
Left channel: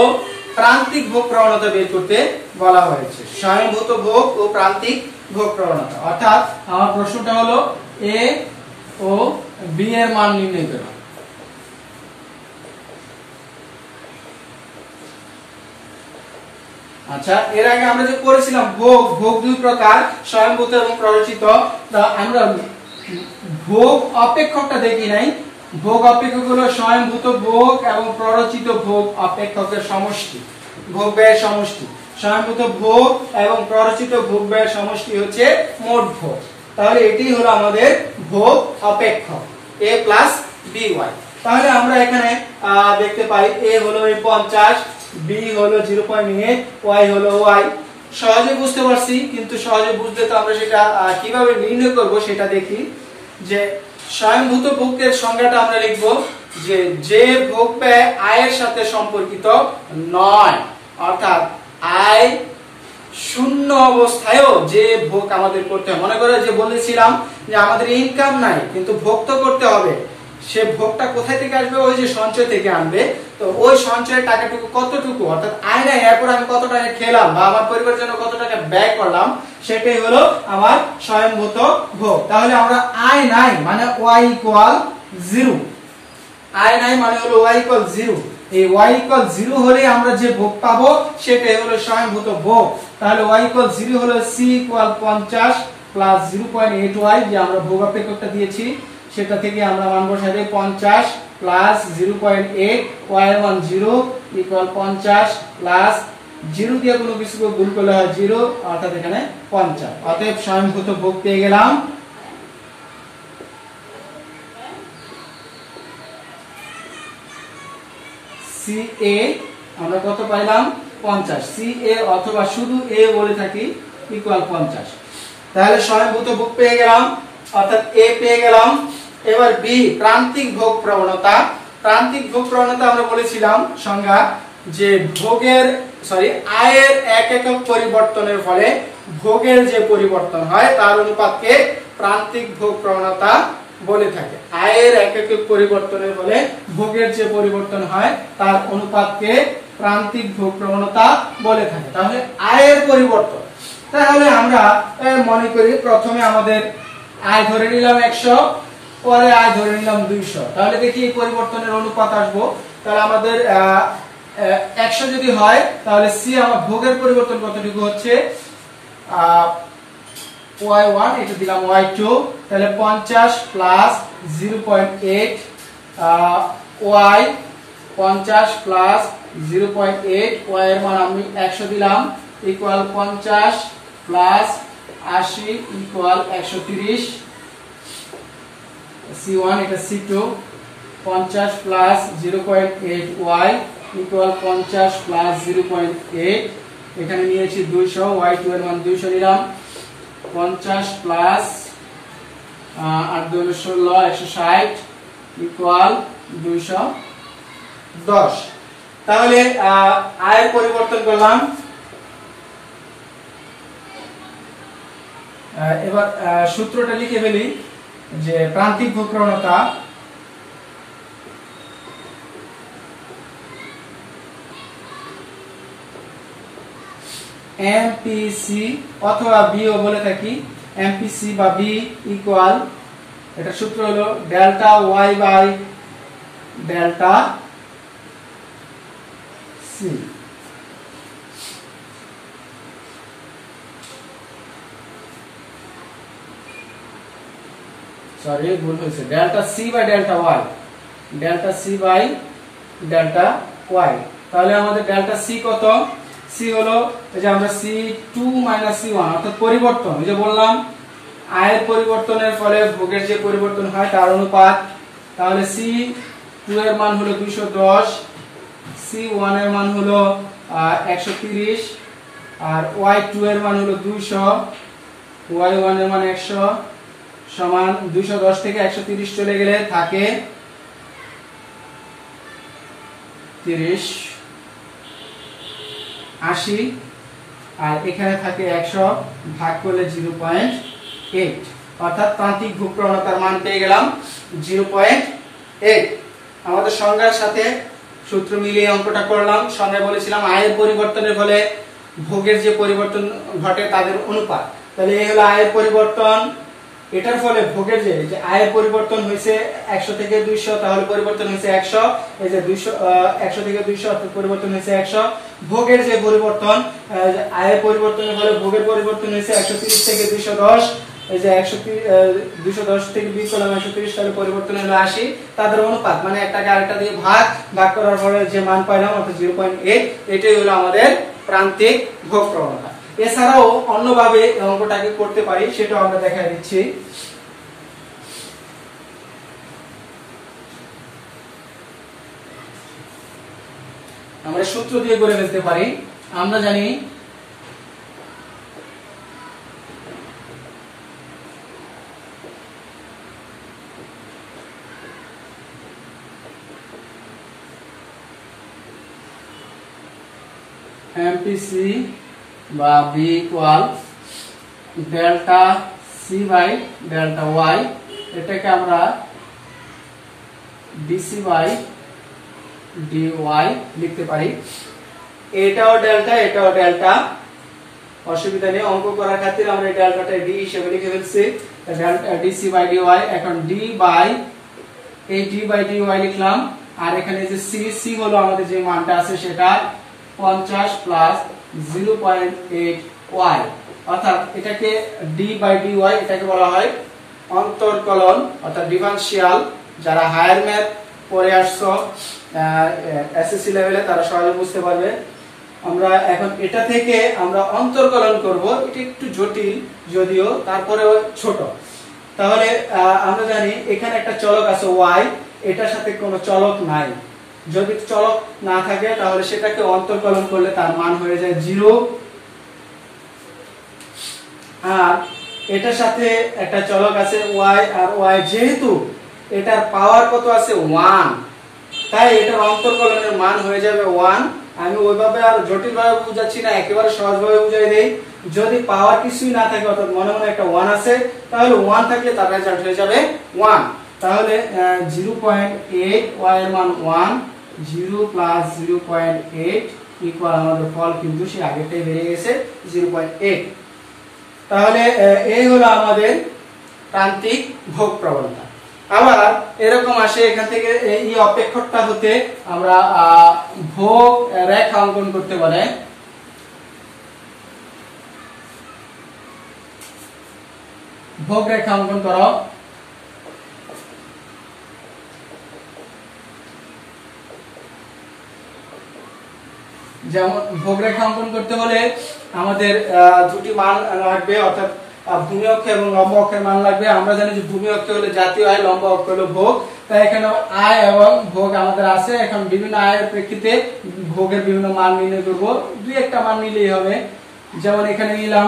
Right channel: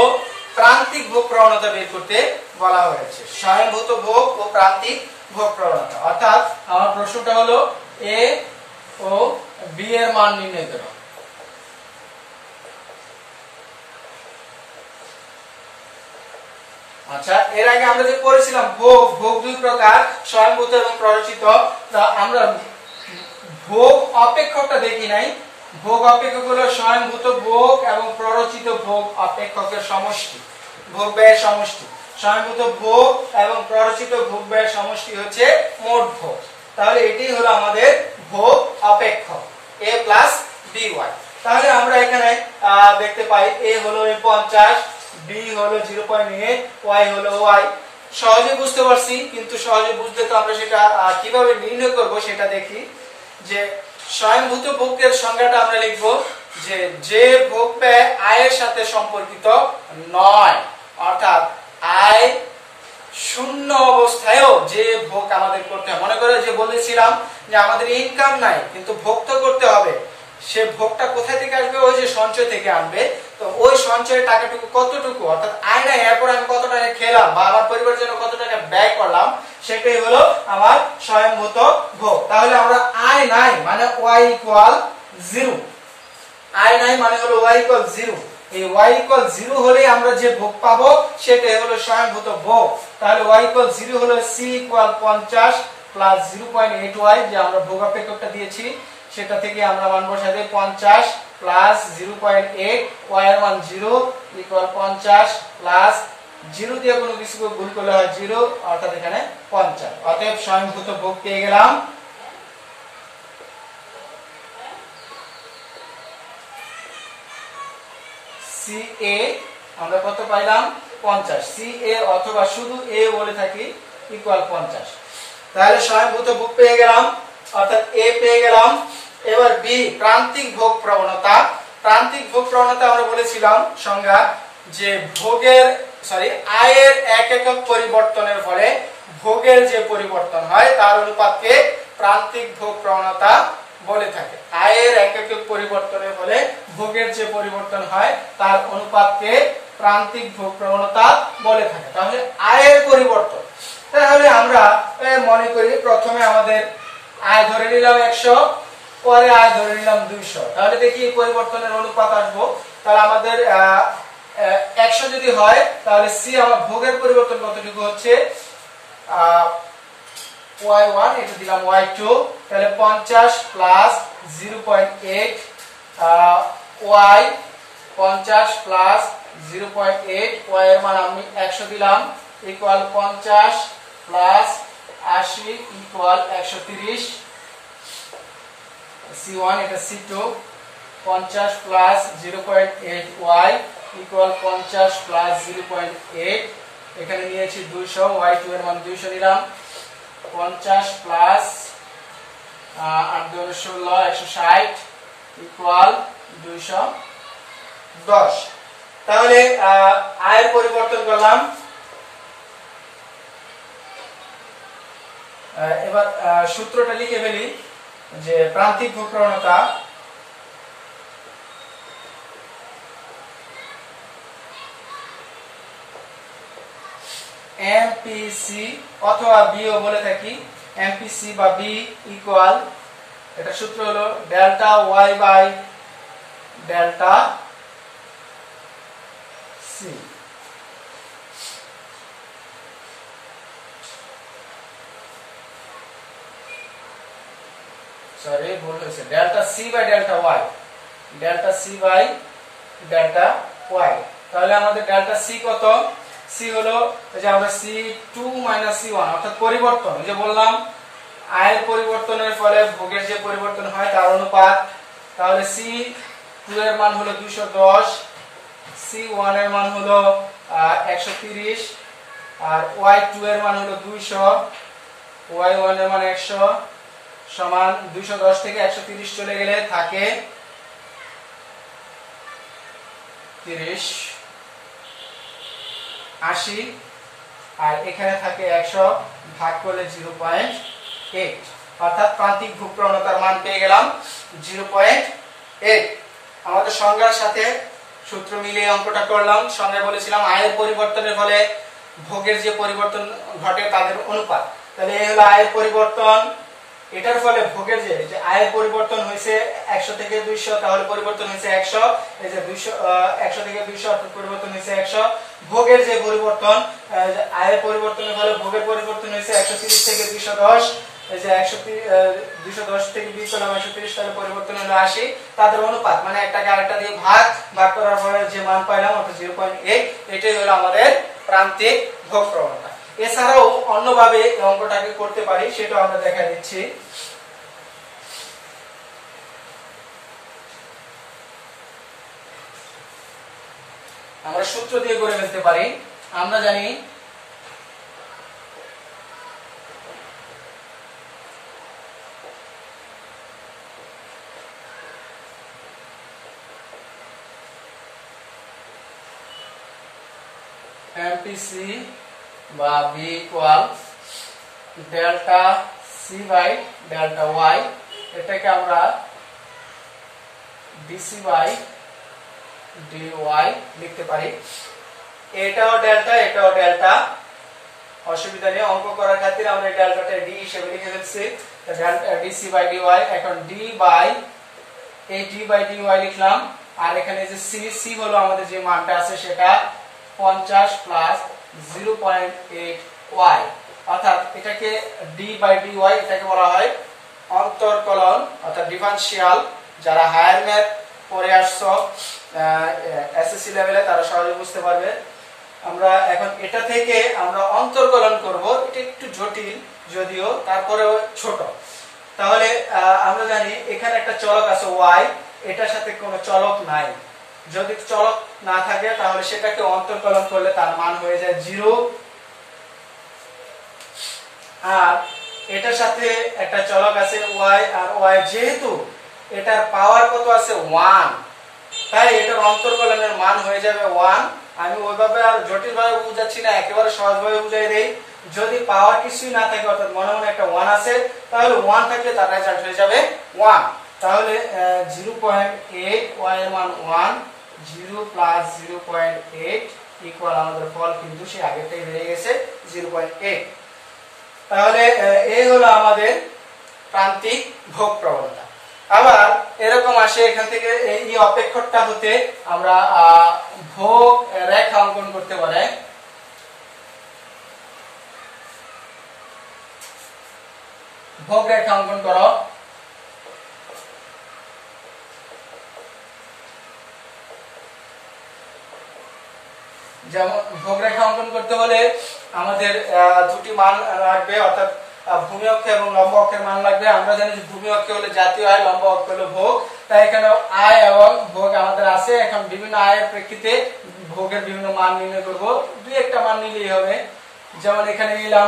প্রান্তিক ভোগ প্রবণতা বের করতে বলা হয়েছে। স্বয়ংভূত ভোগ ও প্রান্তিক ভোগ প্রবণতা, অর্থাৎ আমার প্রশ্নটা হলো এ ও বি এর মান নির্ণয় করো। আচ্ছা, এর আগে আমরা যে পড়েছিলাম ভোগ দুই প্রকার, স্বয়ংভূত এবং প্ররোচিত। আমরা ভোগ অপেক্ষকটা দেখি নাই। ভোগ অপেক্ষক হলো স্বয়ংভূত ভোগ এবং প্ররোচিত ভোগ অপেক্ষকের সমষ্টি, ভোগ ব্যয়ের সমষ্টি। স্বয়ংভূত ভোগ এবং প্ররোচিত ভোগ ব্যয়ের সমষ্টি হচ্ছে মোট ভোগ। তাহলে এটি হলো আমাদের ভোগ অপেক্ষক a প্লাস by। তাহলে আমরা এখানে দেখতে পাই a হলো 50, b হলো 0.8, y হলো y। সহজে বুঝতে পারছি, কিন্তু সহজে বুঝতে তো আমরা সেটা কিভাবে নির্ণয় করব সেটা দেখি। যে স্বয়ংভূত ভোগের সংজ্ঞাটা আমরা লিখব যে ভোগ ব্যয় আয়ের সাথে সম্পর্কিত নয়, অর্থাৎ আয় শূন্য অবস্থায়ও যে ভোগ আমাদের করতে হয়। মনে করে যে বলেছিলাম যে আমাদের ইনকাম নাই কিন্তু ভোগ তো করতে হবে, সে ভোগটা কোথায় থেকে আসবে? ওই যে সঞ্চয় থেকে আনবে। তো ওই সঞ্চয়ের টাকাটুকু কতটুকু, অর্থাৎ আয় নাই এরপর আমি কত টাকা খেলাম বা আমার পরিবারের জন্য কত টাকা ব্যয় করলাম, সেটাই হলো আমার স্বয়ংভূত ভোগ। তাহলে আমরা আয় নাই মানে y ইকুয়াল 0, আয় নাই মানে হলো y ইকুয়াল 0। এই y ইকুয়াল 0 হলেই আমরা যে ভোগ পাবো সেটাই হলো স্বয়ংভূত ভোগ। তাহলে y ইকুয়াল 0 হলো c ইকুয়াল 50 প্লাস 0.8y, যে আমরা ভোগ অপেক্ষকটা দিয়েছি সেটা থেকে আমরা মান বসাই দেই 50 প্লাস 0.8, y এর মান 0 ইকুয়াল 50 প্লাস 0 দিয়ে কোনো কিছুকে গুণ করলে হয় 0, অর্থাৎ এখানে 50। অতএব স্বয়ংভূত ভোগ পেয়ে গেলাম সি এ আমরা কত পাইলাম 50, সি এ অথবা শুধু এ বলে থাকি ইকুয়াল 50। তাহলে স্বয়ংভূত ভোগ পেয়ে গেলাম, অর্থাৎ এ পেয়ে গেলাম। এবার বি প্রান্তিক ভোগ প্রবণতা। প্রান্তিক ভোগ প্রবণতা আমরা বলেছিলাম সংজ্ঞা যে আয়ের এক একক পরিবর্তনের ফলে ভোগের যে পরিবর্তন হয় তার অনুপাতকে প্রান্তিক ভোগ প্রবণতা বলে থাকে। আয়ের এক একক পরিবর্তনের ফলে ভোগের যে পরিবর্তন হয় তার অনুপাতকে প্রান্তিক ভোগ প্রবণতা বলে থাকে। তাহলে আয়ের পরিবর্তন, তাহলে আমরা মনে করি প্রথমে আমাদের আয় ধরে নিলাম 100, পরে আয় ধরে নিলাম 200। তাহলে দেখি এই পরিবর্তনের অনুপাত আসবো। তাহলে আমাদের 100 যদি হয় তাহলে সি আমার ভোগের পরিবর্তন কতটুকু হচ্ছে y1, এটা দিলাম y2, তাহলে 50 প্লাস 0.8 y 50 প্লাস 0.8 y এর মান আমি 100 দিলাম ইকুয়াল 50 প্লাস 80 ইকুয়াল 130। C1 এটা C2 50 plus 0.8 y equal 50 plus 0.8, এখানে নিয়েছি 200, y2 এর মান 200 নিলাম। 50 প্লাস 8 2 16 160 ইকুয়াল 210। তাহলে আয়ের পরিবর্তন করলাম। এবার সূত্রটা লিখে ফেলি যে প্রান্তিক ভোগ প্রবণতা এমপিসি অথবা বিও বলে থাকি, এমপিসি বা বি ইকুয়াল, এটা সূত্র হলো delta Y by delta C. Sorry ভুল হয়েছে, delta C by delta Y, delta C by delta Y. তাহলে আমাদের ডেল্টা সি কত? সি হলো এই যে আমরা C2 C1 অর্থাৎ পরিবর্তন, এই যে বললাম আয়ের পরিবর্তনের ফলে ভোগের যে পরিবর্তন হয় তার অনুপাত। তাহলে C2 এর মান হলো 210, C1 এর মান হলো 130 আর Y2 এর মান হলো 200, Y1 এর মান 100 সমান 210 থেকে 130 চলে গেলে থাকে 30 80 আর এখানে থাকে 100 ভাগ করলে 0.8, অর্থাৎ প্রান্তিক ভোগ প্রবণতার মান পেয়ে গেলাম 0.8। আমাদের সংজ্ঞার সাথে সূত্র মিলিয়ে অঙ্কটা করলাম। সংজ্ঞায় বলেছিলাম আয়ের পরিবর্তনের ফলে ভোগের যে পরিবর্তন ঘটে তাদের অনুপাত। তাহলে এই হলো আয়ের পরিবর্তন, এটার ফলে ভোগের যে আয়ের পরিবর্তন হয়েছে 100 থেকে 200, তাহলে পরিবর্তন হয়েছে 100, এই যে 100 থেকে 200 অর্থাৎ পরিবর্তন হয়েছে 100। ভোগের যে পরিবর্তন আয়ের পরিবর্তনের ফলে ভোগের পরিবর্তন হয়েছে 130 থেকে 210, এই যে 210 থেকে বিয়োগ করলাম 130, তাহলে পরিবর্তন হলো 80। তাদের অনুপাত মানে একটাকে আরেকটা দিয়ে ভাগ করার পরে যে মান পাইলাম অর্থাৎ 0.8, এটাই হলো আমাদের প্রান্তিক ভোগ প্রবণতা। এছাড়াও অন্যভাবে অঙ্কটাকে করতে পারি, সেটা আমরা দেখাই দিচ্ছি। আমরা সূত্র দিয়ে করে ফেলতে পারি। আমরা জানি এমপিসি বা B equal delta C by delta Y, এটাকে আমরা ডিসি বাই ডিওয়াই লিখতে পারি। এটাও ডেল্টা এটাও ডেল্টা, অসুবিধা নেই, অঙ্ক করার খাতিরে আমরা এই ডেল্টাটা ডি হিসেবে লিখে ফেলছি। ডিসি বাই ডিওয়াই, এখন ডি বাই ডিওয়াই লিখলাম। আর এখানে যে সি হলো আমাদের যে মানটা আছে সেটা 50 প্লাস 0.8 ওয়াই, অর্থাৎ এটাকে ডি বাই ডিওয়াই এটাকে বলা হয় অন্তর্কলন অর্থাৎ ডিফারেনশিয়াল। যারা হায়ার ম্যাথ পড়ে আসছো এসএসসি লেভেলে তারা সহজে বুঝতে পারবে। আমরা এখন এটা থেকে আমরা অন্তর্কলন করব, এটা একটু জটিল যদিও তারপরেও ছোট। তাহলে আমরা জানি এখানে একটা চলক আছে y, এটার সাথে কোনো চলক নাই, যদি চলক না থাকে তাহলে সেটাকে অন্তর্কলন করলে তার মান হয়ে যায় 0। আর এটার সাথে একটা চলক আছে y, আর y যেহেতু এটার পাওয়ার কত আছে 1, তাই এটার অন্তর্কলনের মান হয়ে যাবে 1। আমি ওইভাবে আর জটিল ভাবে বুঝাচ্ছি না, একেবারে সহজভাবে বুঝাই দেই। যদি পাওয়ার কিছুই না থাকে অর্থাৎ মনে মনে একটা 1 আছে, তাহলে 1 থাকলে তার রেজাল্ট হয়ে যাবে 1। তাহলে 0.8 y এর মান 1, 0 প্লাস 0.8 ইকুয়াল আমাদের ফল কিন্তু সে আগেরটাই বেরিয়ে গেছে 0.8। তাহলে এই হলো আমাদের প্রান্তিক ভোগ প্রবণতা। আবার এরকম আসে এখান থেকে এই অপেক্ষকটা হতে আমরা ভোগ রেখা অঙ্কন করতে পারে। ভোগ রেখা অঙ্কন করো। যেমন ভোগ রেখা অঙ্কন করতে হলে আমাদের দুটি মান লাগবে, অর্থাৎ ভূমি অক্ষ এবং লম্ব অক্ষের মান লাগবে। আমরা জানি যে ভূমি অক্ষ হলো জাতীয় আয়, লম্ব অক্ষ হলো ভোগ। তাই এখানে আয় এবং ভোগ আমাদের আছে। এখন বিভিন্ন আয়ের প্রেক্ষিতে ভোগের বিভিন্ন মান নির্ণয় করব। দুই একটা মান নিলেই হবে। যেমন এখানে নিলাম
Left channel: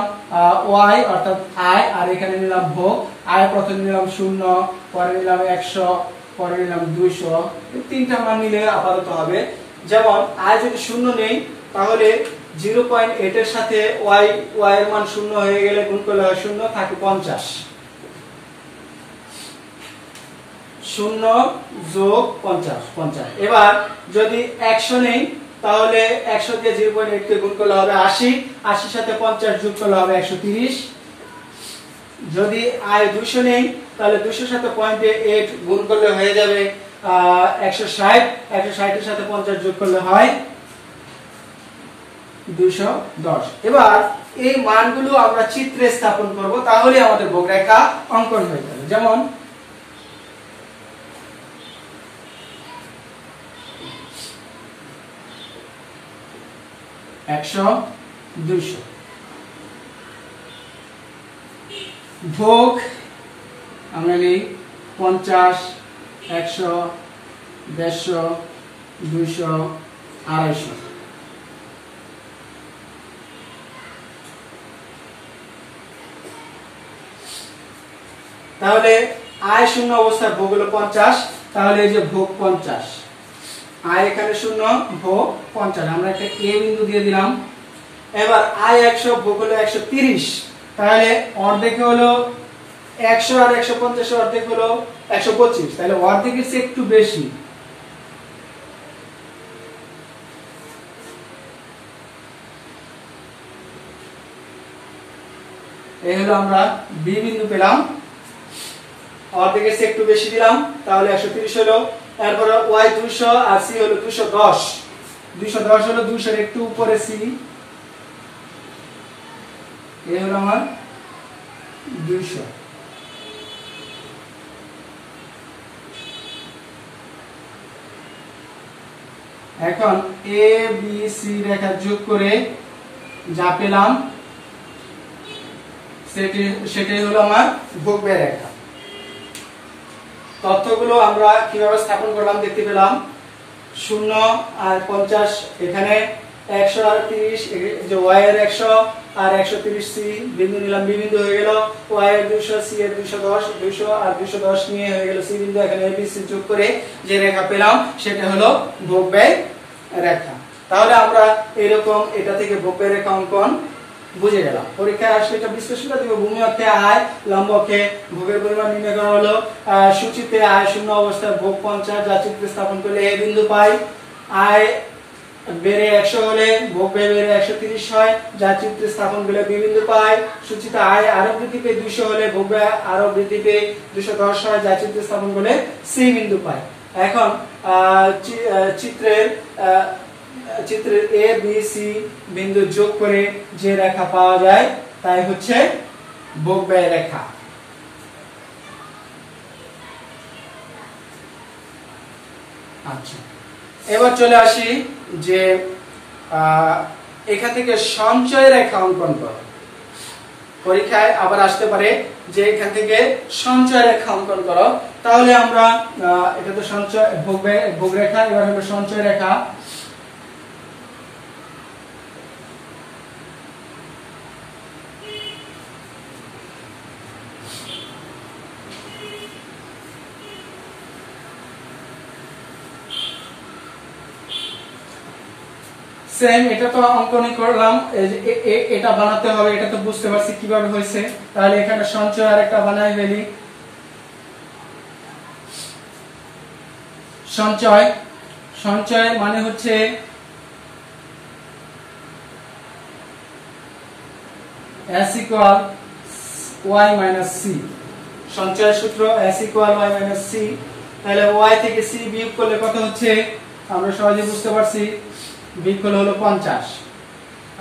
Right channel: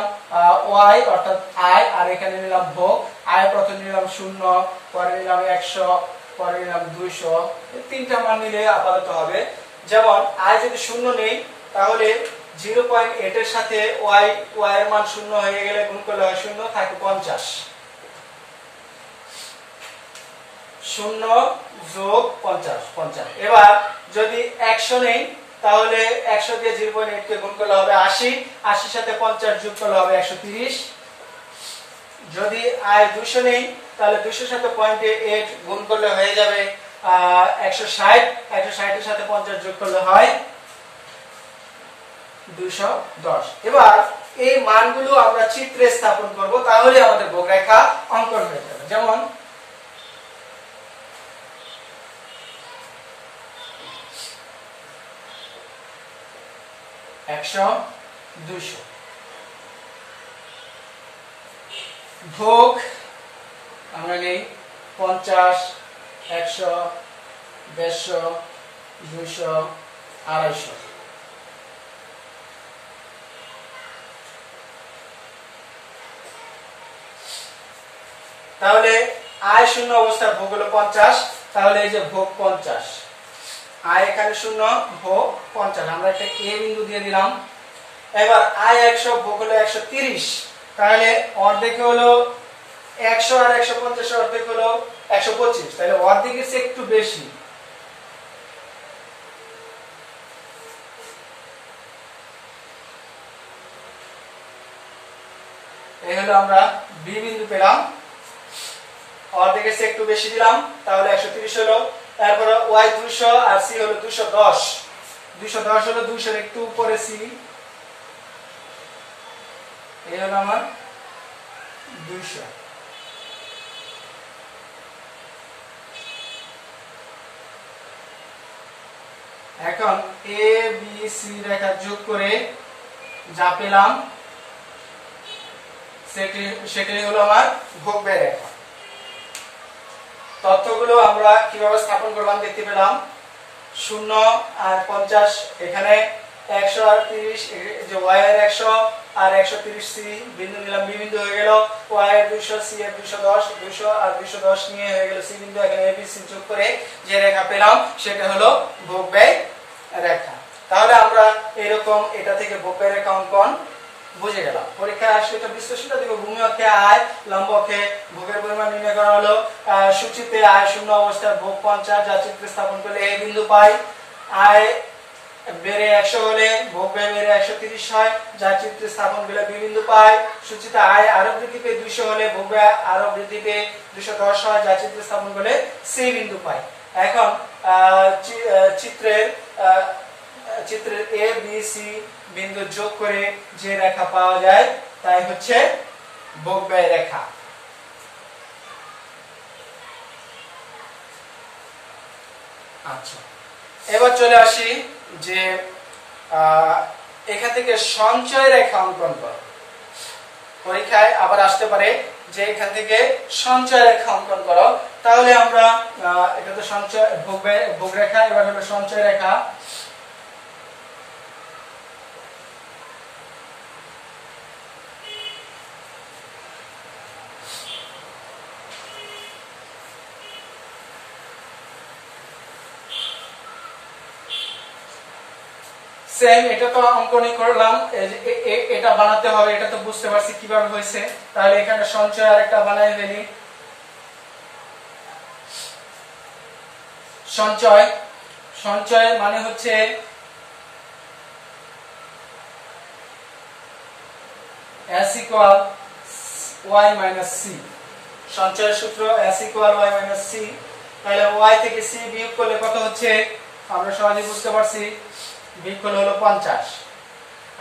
y অর্থাৎ আয়, আর এখানে নিলাম ভোগ। আয় প্রথমে নিলাম 0, পরে নিলাম 100, পরে নিলাম 200। তিনটা মান নিলে আপাতত হবে। যেমন আয় যদি 0 নেই তাহলে 0.8 এর সাথে y এর মান 0 হয়ে গেলে গুণ করলে হয় 0, থাকে 50। 0 যোগ 50। এবার যদি 100 নেই তাহলে 100 দিয়ে 0.8 কে গুণ করলে হবে 80, 80 সাথে 50 যোগ করলে হবে 130। যদি আয় 200 নেই তাহলে 200 সাথে 0.8 গুণ করলে হয়ে যাবে 160, 160 এর সাথে 50 যোগ করলে হয় 210। এবার এই মানগুলো আমরা চিত্রে স্থাপন করব, তাহলে আমাদের ভোগ রেখা অঙ্কন হয়ে যাবে। যেমন একশো, 200 ভোগ আমরা নিই 50, 100, 150, 200, 250। তাহলে আয় 0 অবস্থায় ভোগ হলো 50, তাহলে এই যে ভোগ 50, আয় এখানে 0, ভোগ 50, আমরা একটা a বিন্দু দিয়ে দিলাম। এবার আয় 100, ভোগ হলো 130, তাহলে অর্ধেক হলো 100 আর 150 অর্ধেক হলো 125, তাহলে অর্ধেকের চেয়ে একটু বেশি। এই হলো আমরা b বিন্দু পেলাম, অর্ধেকের চেয়ে একটু বেশি দিলাম, তাহলে 130 হলো। তারপর y 200 আর c হলো 210, 210 হলো 200 এর একটু উপরে c। এই হলো আমার 200। এখন a b c রেখা যোগ করে যা পেলাম সেটাই হলো আমার ভোগ ব্যয় রেখা। তথ্যগুলো আমরা কিভাবে স্থাপন করলাম দেখতে পেলাম। 0 আর 50, এখানে 100 আর 30, যে y এর 100 আর 130 c বিন্দু নিলাম, b বিন্দু হয়ে গেল। y এর 200, c এর 210, 200 আর 210 নিয়ে হয়ে গেল c বিন্দু। এখানে a b c যোগ করে যে রেখা পেলাম সেটা হলো ভোগ ব্যয় রেখা। তাহলে আমরা এরকম এটা থেকে ভোগ ব্যয় রেখা অঙ্কন বুঝে গেলাম। পরীক্ষায় আসলে এটা বিশ্লেষণটা দেখো, ভূমি অক্ষে আয়, লম্ব অক্ষে ভোগের পরিমাণ নির্ণয় করা হলো। সূচিতে আয় 0 অবস্থায় ভোগ 50, যা চিত্রে স্থাপন করলে a বিন্দু পাই। আয় বেড়ে 100 হলে ভোগ ব্যয় বেড়ে 130 হয়, যা চিত্রে স্থাপন করলে b বিন্দু পাই। সূচিতে আয় আরো বৃদ্ধি পেয়ে 200 হলে ভোগ ব্যয় আরো বৃদ্ধি পেয়ে 210 হয়, যা চিত্রে স্থাপন করলে c বিন্দু পাই। এখন চিত্রের a b c বিন্দু যোগ করে যে রেখা পাওয়া যায় তাই হচ্ছে ভোগ ব্যয় রেখা। আচ্ছা, এবার চলে আসি যে এখান থেকে সঞ্চয় রেখা অঙ্কন করো। পরীক্ষায় আবার আসতে পারে যে এখান থেকে সঞ্চয় রেখা অঙ্কন করো। তাহলে আমরা এটা তো সঞ্চয় ভোগ রেখা, এবার হলো সঞ্চয় রেখা। সেম এটা তো অঙ্কনই করলাম, এটা বানাতে হবে, এটা তো বুঝতে পারছি কিভাবে হয়েছে। তাহলে এখানে সঞ্চয় আরেকটা বানাই ফেলি। সঞ্চয়, সঞ্চয় মানে হচ্ছে s equal y minus c। সঞ্চয়ের সূত্র s equal y minus c। তাহলে y থেকে c বিয়োগ করলে কত হচ্ছে আমরা সহজে বুঝতে পারছি, বিয়োগ করলে হলো 50।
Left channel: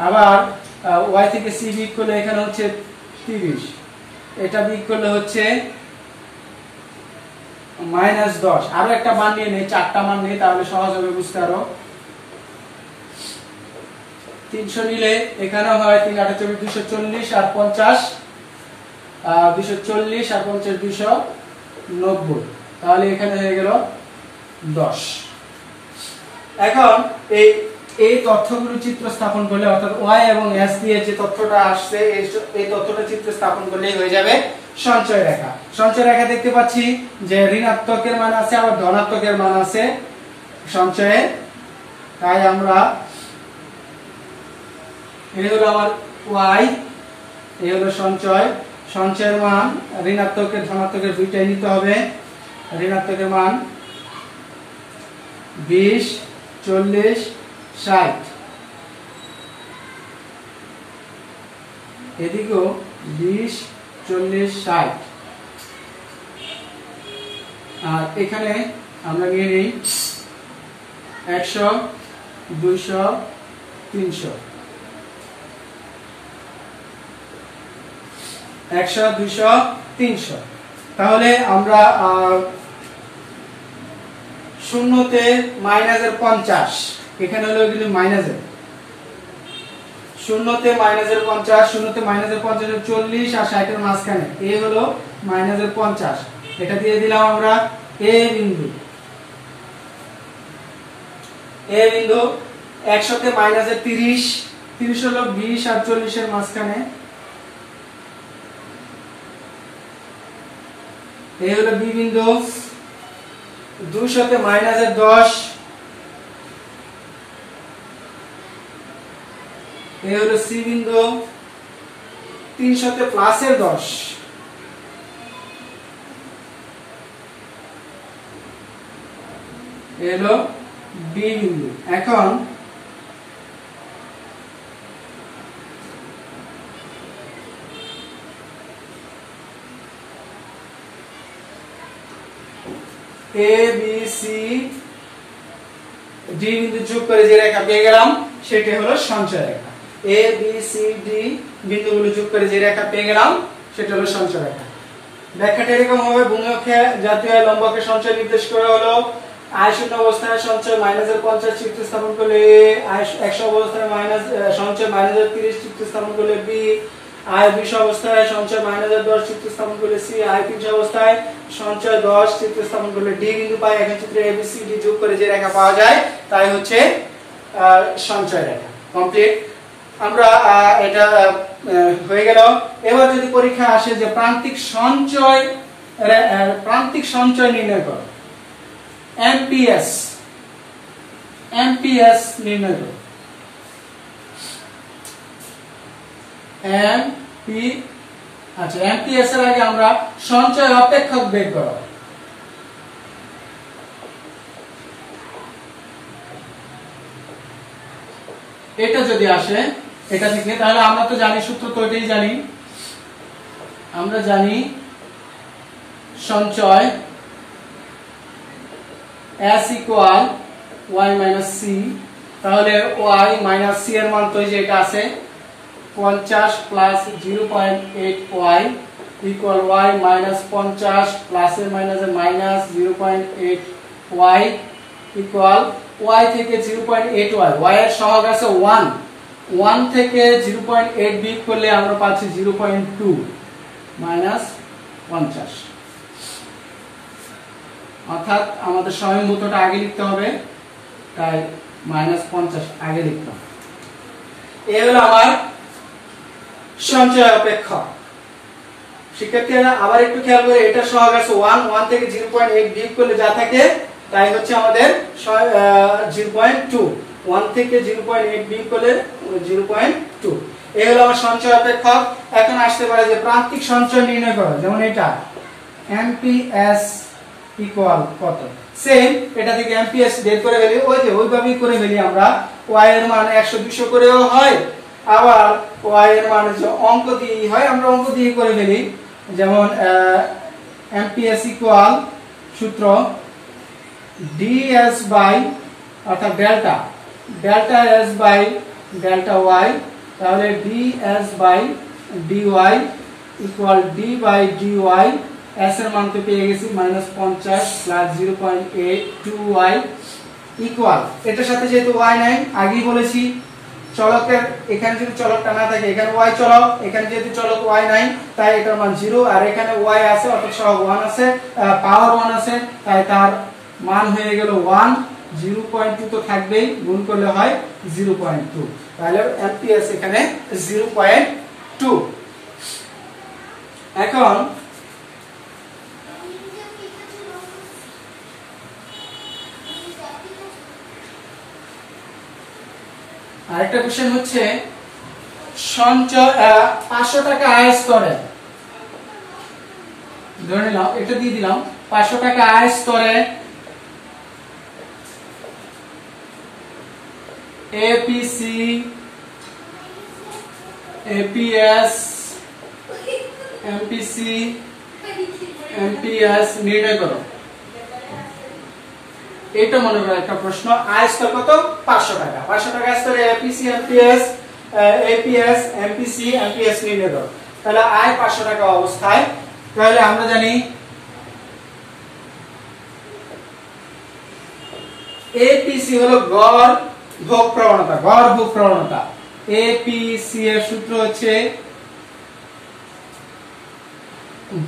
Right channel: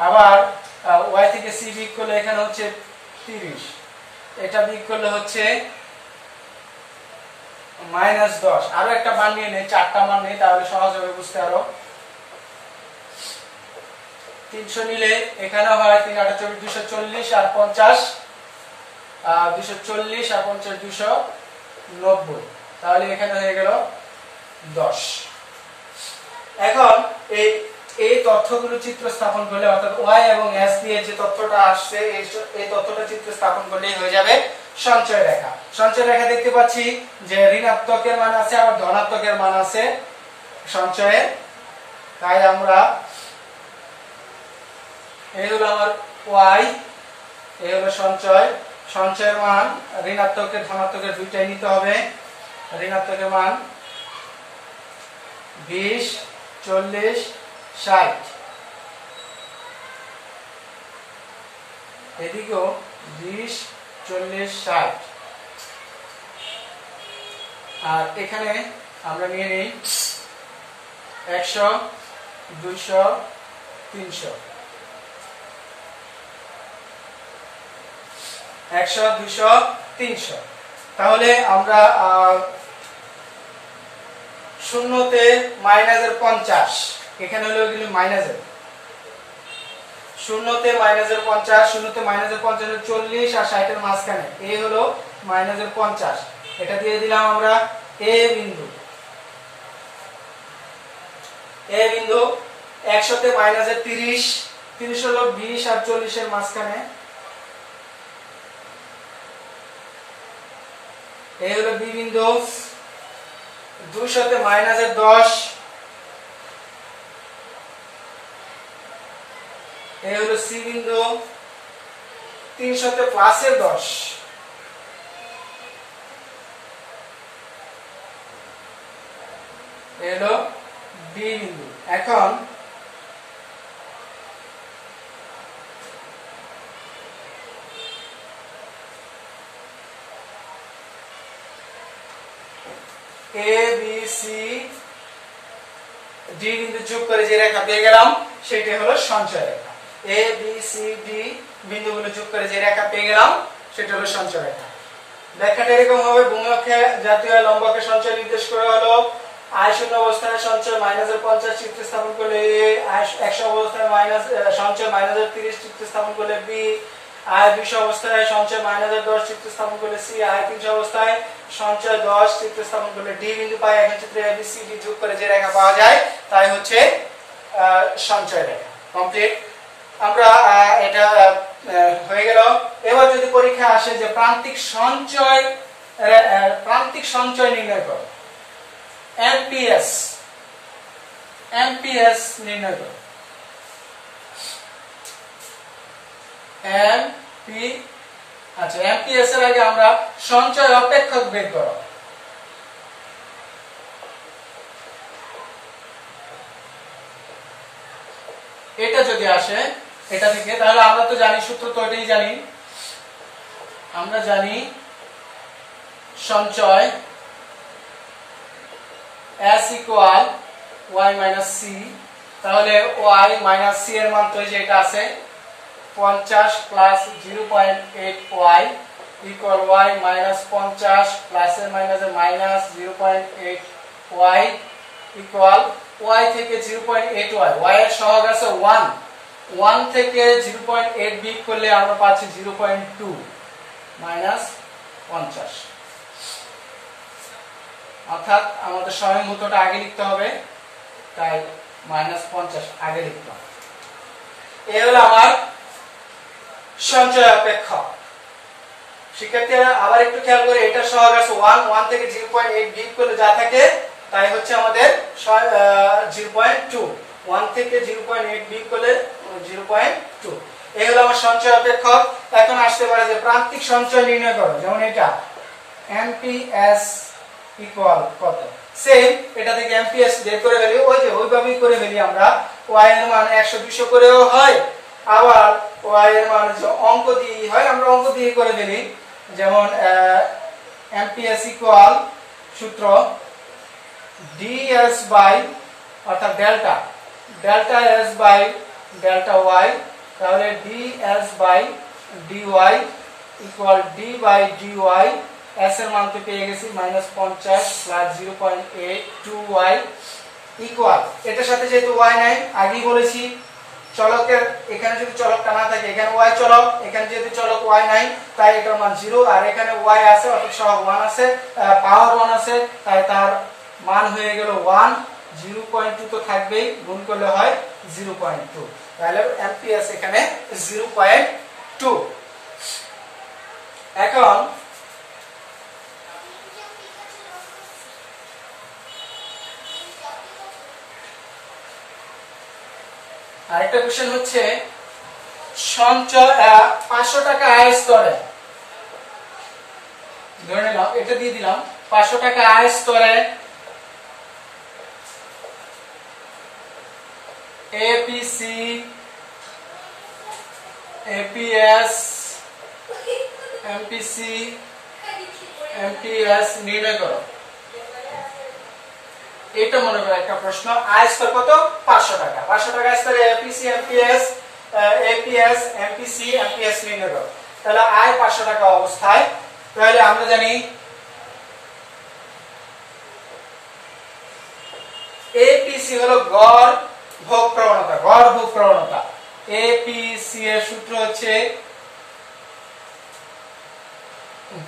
আবার y থেকে c বিয়োগ করলে এখানে হচ্ছে 30, এটা বিয়োগ করলে হচ্ছে -10। আরো একটা মান নিয়ে নেই, 4টা মান নেই, তাহলে সহজ হবে বুঝতে। আরো 300 নিলে এখানে হয় 3 8 24 240 আর 50 240 আর 50 290, তাহলে এখানে হয়ে গেল 10। এখন এই তথ্যগুলো চিত্র স্থাপন করলে, অর্থাৎ y এবং s দিয়ে যে তথ্যটা আসছে এই তথ্যটা চিত্র স্থাপন করলেই হয়ে যাবে সঞ্চয় রেখা। সঞ্চয় রেখা দেখতে পাচ্ছি যে ঋণাত্মকের মান আছে আবার ধনাত্মকের মান আছে সঞ্চয়ে। তাই আমরা এই হলো আমার y, এই হলো সঞ্চয়। সঞ্চয়ের মান ঋণাত্মকের ধনাত্মকের দুইটাই নিতে হবে। ঋণাত্মকের মান 20 40 60, এদিকেও 20 40 60। আর এখানে আমরা নিয়ে নিই 100 200 300, 100 200 300। তাহলে আমরা শূন্যতে মাইনাসের 50, এখানে হলো এগুলো মাইনাসের, শূন্যতে মাইনাসের 50, শূন্যতে মাইনাসের 50 এর 40 আর 60 এর মাঝখানে এই হলো মাইনাসের 50, এটা দিয়ে দিলাম আমরা এ বিন্দু। এ বিন্দু 100 তে মাইনাসের 30, 30 হলো 20 আর 40 এর মাঝখানে, এই হলো বি বিন্দু। 200 তে মাইনাসের 10, এই হলো সি বিন্দু। 300 তে প্লাসের 10, এই হলো ডি বিন্দু। এখন এ বি সি ডি বিন্দু যোগ করে যে রেখা পেয়ে গেলাম সেটা হলো সঞ্চয় রেখা। এ বি সি ডি বিন্দুগুলো যোগ করে যে রেখা পেয়ে গেলাম সেটা হলো সঞ্চয় রেখা। ব্যাখ্যাটা এরকম হবে, ভূমি অক্ষে জাতীয় লম্বকে সঞ্চয় নির্দেশ করে হলো আয় শূন্য অবস্থায় সঞ্চয় মাইনাসের 50 চিত্র স্থাপন করলে এ, আয় 100 অবস্থায় মাইনাস সঞ্চয় মাইনাসের 30 চিত্র স্থাপন করলে বি, আয় 200 অবস্থায় সঞ্চয় মাইনাসের 10 চিত্র স্থাপন করলে সি, আয় 300 অবস্থায় সঞ্চয় 10 চিত্র স্থাপন করলে ডি বিন্দু পাই। এখন চিত্রে এ বি সি ডি যোগ করে যে রেখা পাওয়া যায় তাই হচ্ছে সঞ্চয় রেখা। কমপ্লিট। আমরা এটা হয়ে গেল। এবার যদি পরীক্ষা আসে যে প্রান্তিক সঞ্চয় নির্ণয় করো, এমপিএস নির্ণয় করো। এমপিএস এর আগে আমরা সঞ্চয় অপেক্ষক বের করো। এটা যদি আসে এটা থেকে, তাহলে আমরা তো জানি সূত্র তো এটাই জানি, আমরা জানি সঞ্চয় s equal y minus c। তাহলে y minus c এর মান তো এই যে এটা আছে 50 plus 0.8y equal y minus 50 plus এর মাইনাস এর মাইনাস 0.8y equal y থেকে 0.8y, y এর সহগ আছে 1, 1 থেকে 0.8 বিয়োগ করলে আমরা পাচ্ছি 0.2 মাইনাস 50। অর্থাৎ আমাদের স্বয়ংভূতটা আগে লিখতে হবে, তাই মাইনাস 50 আগে লিখতাম। এই হলো আমার সঞ্চয় অপেক্ষক। শিক্ষার্থীরা আবার একটু খেয়াল করে, এটা সহগ আছে 1 থেকে 0.8 বিয়োগ করলে যা থাকে তাই হচ্ছে আমাদের 0.2। 1 থেকে 0.8 বিয়োগ করলে 0.2। এই হলো আমার সঞ্চয় অপেক্ষক। এখন আসতে পারে যে প্রান্তিক সঞ্চয় নির্ণয় করো, যেমন এটা এমপিএস ইকুয়াল কত, সেম এটা থেকে এমপিএস বের করে ফেলি, ওই যে ওইভাবেই করে ফেলি আমরা। y এর মান 100 200 করেও হয়, আবার y এর মান যে অঙ্ক দিয়ে হয় আমরা অঙ্ক দিয়ে করে ফেলি। যেমন এমপিএস ইকুয়াল সূত্র ds বাই অর্থাৎ delta s by delta y, তাহলে ds by dy equal d by dy। s এর মান তো পেয়ে গেছি -50 প্লাস 0.82y ইকুয়াল, এটার সাথে যেহেতু y নাই, আগেই বলেছি চলকের এখানে যদি চলকটা না থাকে, এখানে y চলক, এখানে যেহেতু চলক y নাই তাই এটার মান 0, আর এখানে y আছে অর্থাৎ সহগ 1 আছে, পাওয়ার 1 আছে, তাই তার মান হয়ে গেল 1। 0.2 তো থাকবেই, গুণ করলে হয় 0.2, তাহলে এমপিএস এখানে 0.2। এখন আরেকটা কোশ্চেন হচ্ছে সঞ্চয় 500 টাকা আয় স্তরে, ধরে নিলাম এটা দিয়ে দিলাম 500 টাকা আয় স্তরে এপিসি এপিএস এমপিসি এমপিএস নির্ণয় করো। এটা মনে করো একটা প্রশ্ন, আয় স্তর কত 500 টাকা, 500 টাকা স্তরে APC amps APS MPC amps নির্ণয় করো। তাহলে আয় 500 টাকা অবস্থায়, তাহলে আমরা জানি এপিসি হলো গড় ভোগ প্রবণতা, গড় ভোগ প্রবণতা। এপিসি এর সূত্র হচ্ছে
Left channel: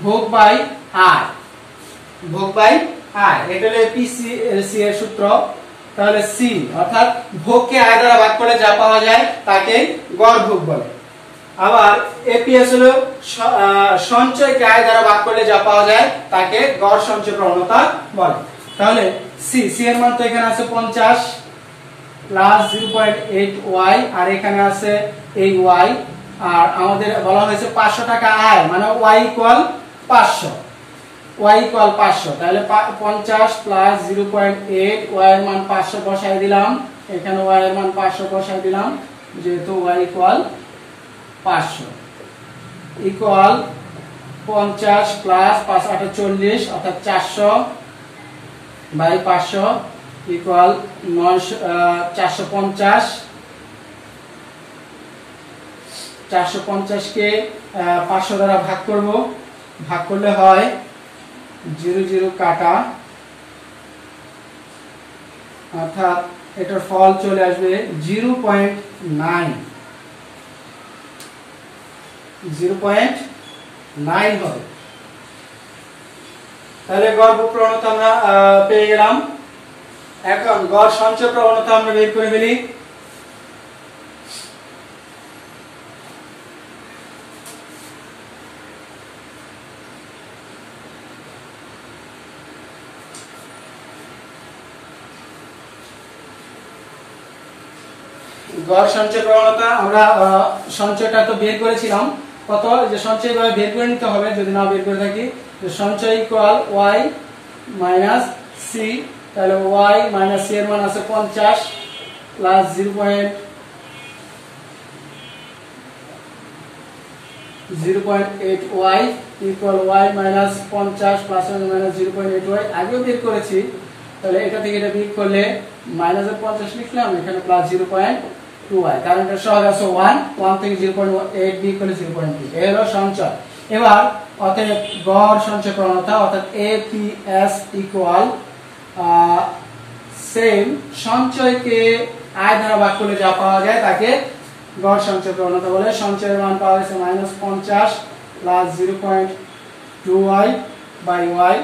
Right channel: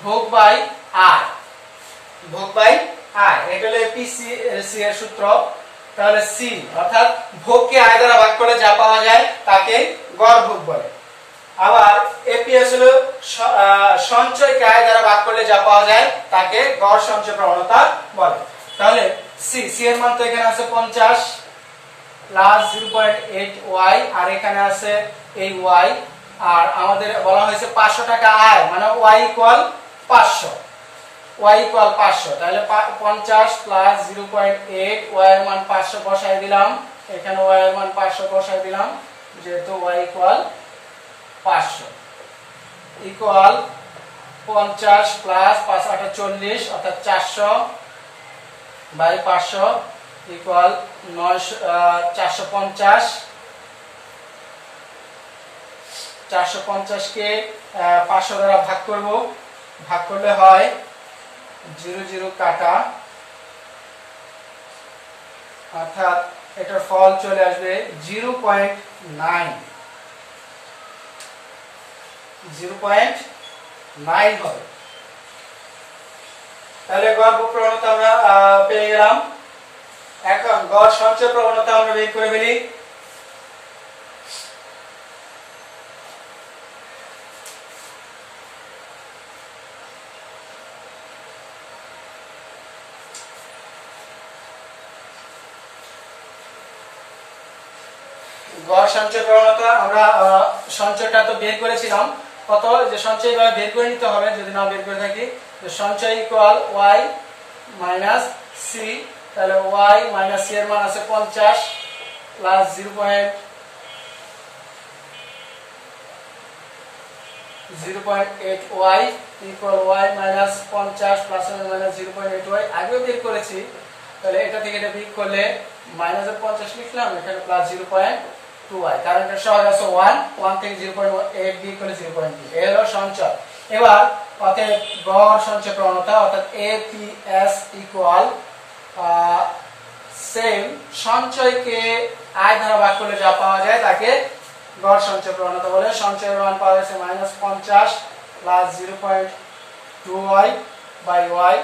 ভোগ বাই আয়, ভোগ বাই আয়, এটা হলো এপিসি এর সূত্র। তাহলে সি অর্থাৎ ভোগকে আয় দ্বারা ভাগ করে যা পাওয়া যায় তাকে গড় ভোগ বলে। আবার এপিএস হলো সঞ্চয়কে আয় দ্বারা ভাগ করলে যা পাওয়া যায় তাকে গড় সঞ্চয় প্রবণতা বলে। তাহলে সি এর মান তো এখানে আছে 50 প্লাস 0.8y, আর এখানে আছে এই y, আর আমাদের বলা হয়েছে 500 টাকা আয়, মানে y ইকুয়াল 500, y ইকুয়াল 500। তাহলে 50 প্লাস 0.8, y এর মান 500 বসাই দিলাম, এখানে y এর মান 500 বসাই দিলাম, যেহেতু y ইকুয়াল 500 ইকুয়াল 50 প্লাস 5 8 40 অর্থাৎ 400 বাই 500 ইকুয়াল 450। 450 কে 500 দ্বারা ভাগ করব, ভাগ করলে হয় 0 0 কাটা, অর্থাৎ এটার ফল চলে আসবে 0.9 হবে। তাহলে গড় ভোগ প্রবণতা আমরা পেয়ে গেলাম। এখন গড় সঞ্চয় প্রবণতা আমরা বের করে ফেলি। গড় সঞ্চয় প্রবণতা আমরা সঞ্চয়টা তো বের করেছিলাম, কত যে সঞ্চয় ভাবে বের করে নিতে হবে, যদি না বের করে থাকি যে সঞ্চয় ইকুয়াল y মাইনাস সি, তাহলে y মাইনাস সি এর মান আছে 50 plus 0.8y equal y minus 50 plus minus 0.8y আগেও বের করেছি। তাহলে এটা থেকে এটা বিয়োগ করলে মাইনাসের 50 লিখলাম, এখানে প্লাস 0.2y, কারণ এটা সহগ আছে 1 থেকে 0.8 বিয়োগ করলে 0.2, এই হলো সঞ্চয়। এবার অতএব গড় সঞ্চয় প্রবণতা অর্থাৎ এপিএস ইকুয়াল সেম সঞ্চয়কে আয় দ্বারা ভাগ করলে যা পাওয়া যায় তাকে গড় সঞ্চয় প্রবণতা বলে। সঞ্চয়ের মান পাওয়া গেছে -50 প্লাস 0.2y বাই y।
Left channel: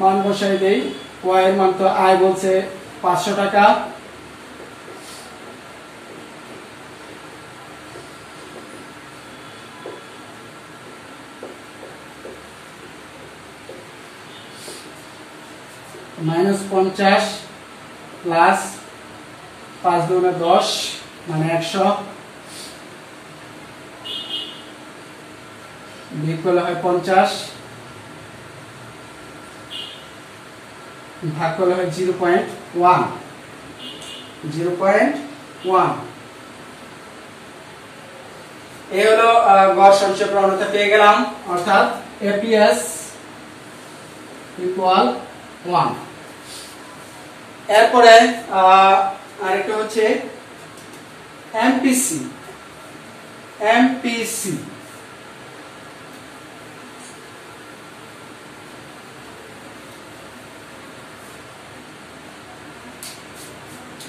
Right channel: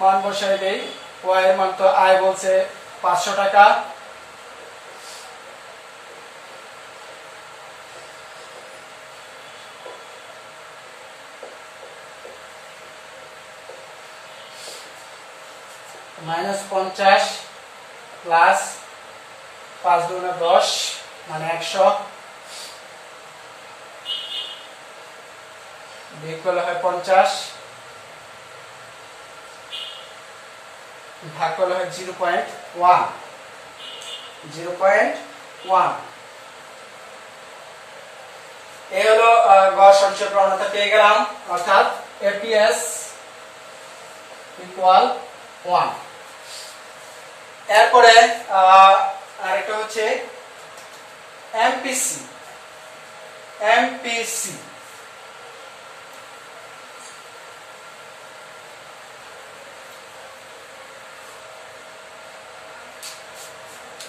মান বসাই দেই। y এর মান তো আয় বলছে 500 টাকা, -50 প্লাস 5 দুগুণে 10 মানে 100, বিয়োগ করলে হয় 50, ভাগ করলে হয় 0.1। এই হলো গড় সঞ্চয় প্রবণতা পেয়ে গেলাম, অর্থাৎ এপিএস ইকুয়াল 1। এরপরে আরেকটা হচ্ছে এমপিসি।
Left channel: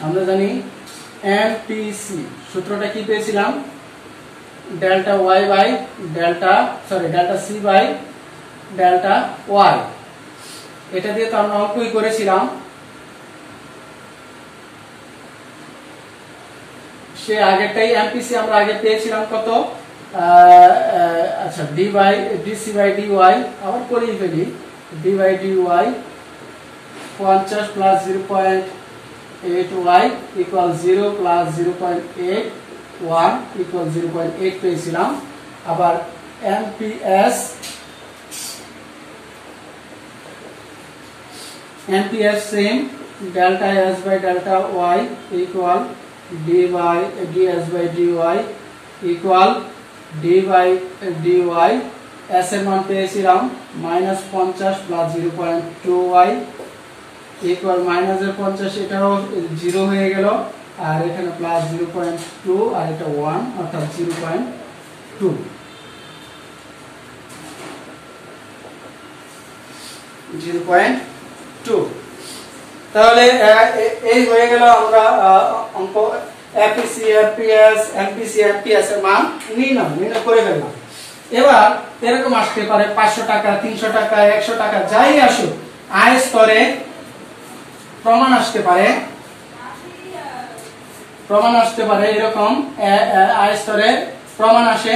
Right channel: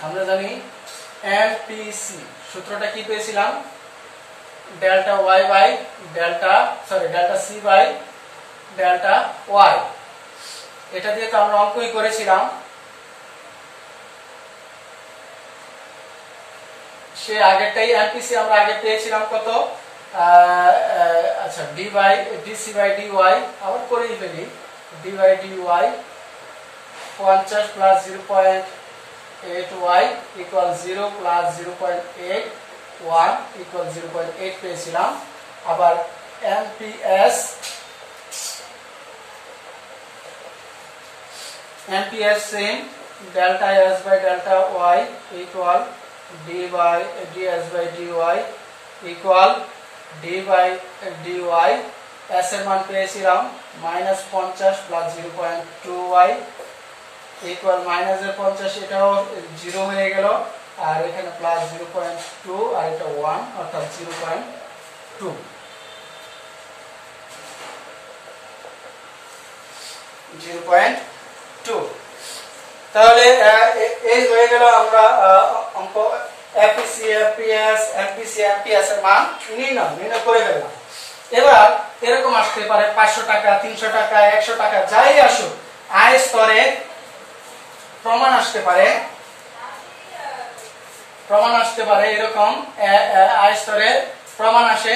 আমরা জানি এমপিসি সূত্রটা কি পেয়েছিলাম, delta C by delta Y. এটা দিয়ে তো আমরা অঙ্কই করেছিলাম। সে আগেরটাই এমপিসি আমরা আগে পেয়েছিলাম কত, আচ্ছা ডিসি বাই ডিওয়াই, আবার করেই ফেলি। D by DY 50 plus 0.8y equal 0 plus 0.81 equal 0.8 পেয়েছিলাম। আবার MPS same, delta S by delta Y equal ds by dy equal d by dy। s এর মান পেয়েছিলাম -50 প্লাস 0.2y ইকুয়াল মাইনাস এর 50, এটাও 0 হয়ে গেল, আর এখানে প্লাস 0.2 আর এটা 1 অর্থাৎ 0.2। তাহলে এই হয়ে গেল আমরা অঙ্ক এপিসি, এপিএস, এমপিসি, এমপিএস এর মান নির্ণয় করে ফেললাম। এবার এরকম আসতে পারে 500 টাকা, 300 টাকা, 100 টাকা, যাই আসুক, আয় স্তরে প্রমাণ আসতে পারে এরকম আয় স্তরে প্রমাণ আসে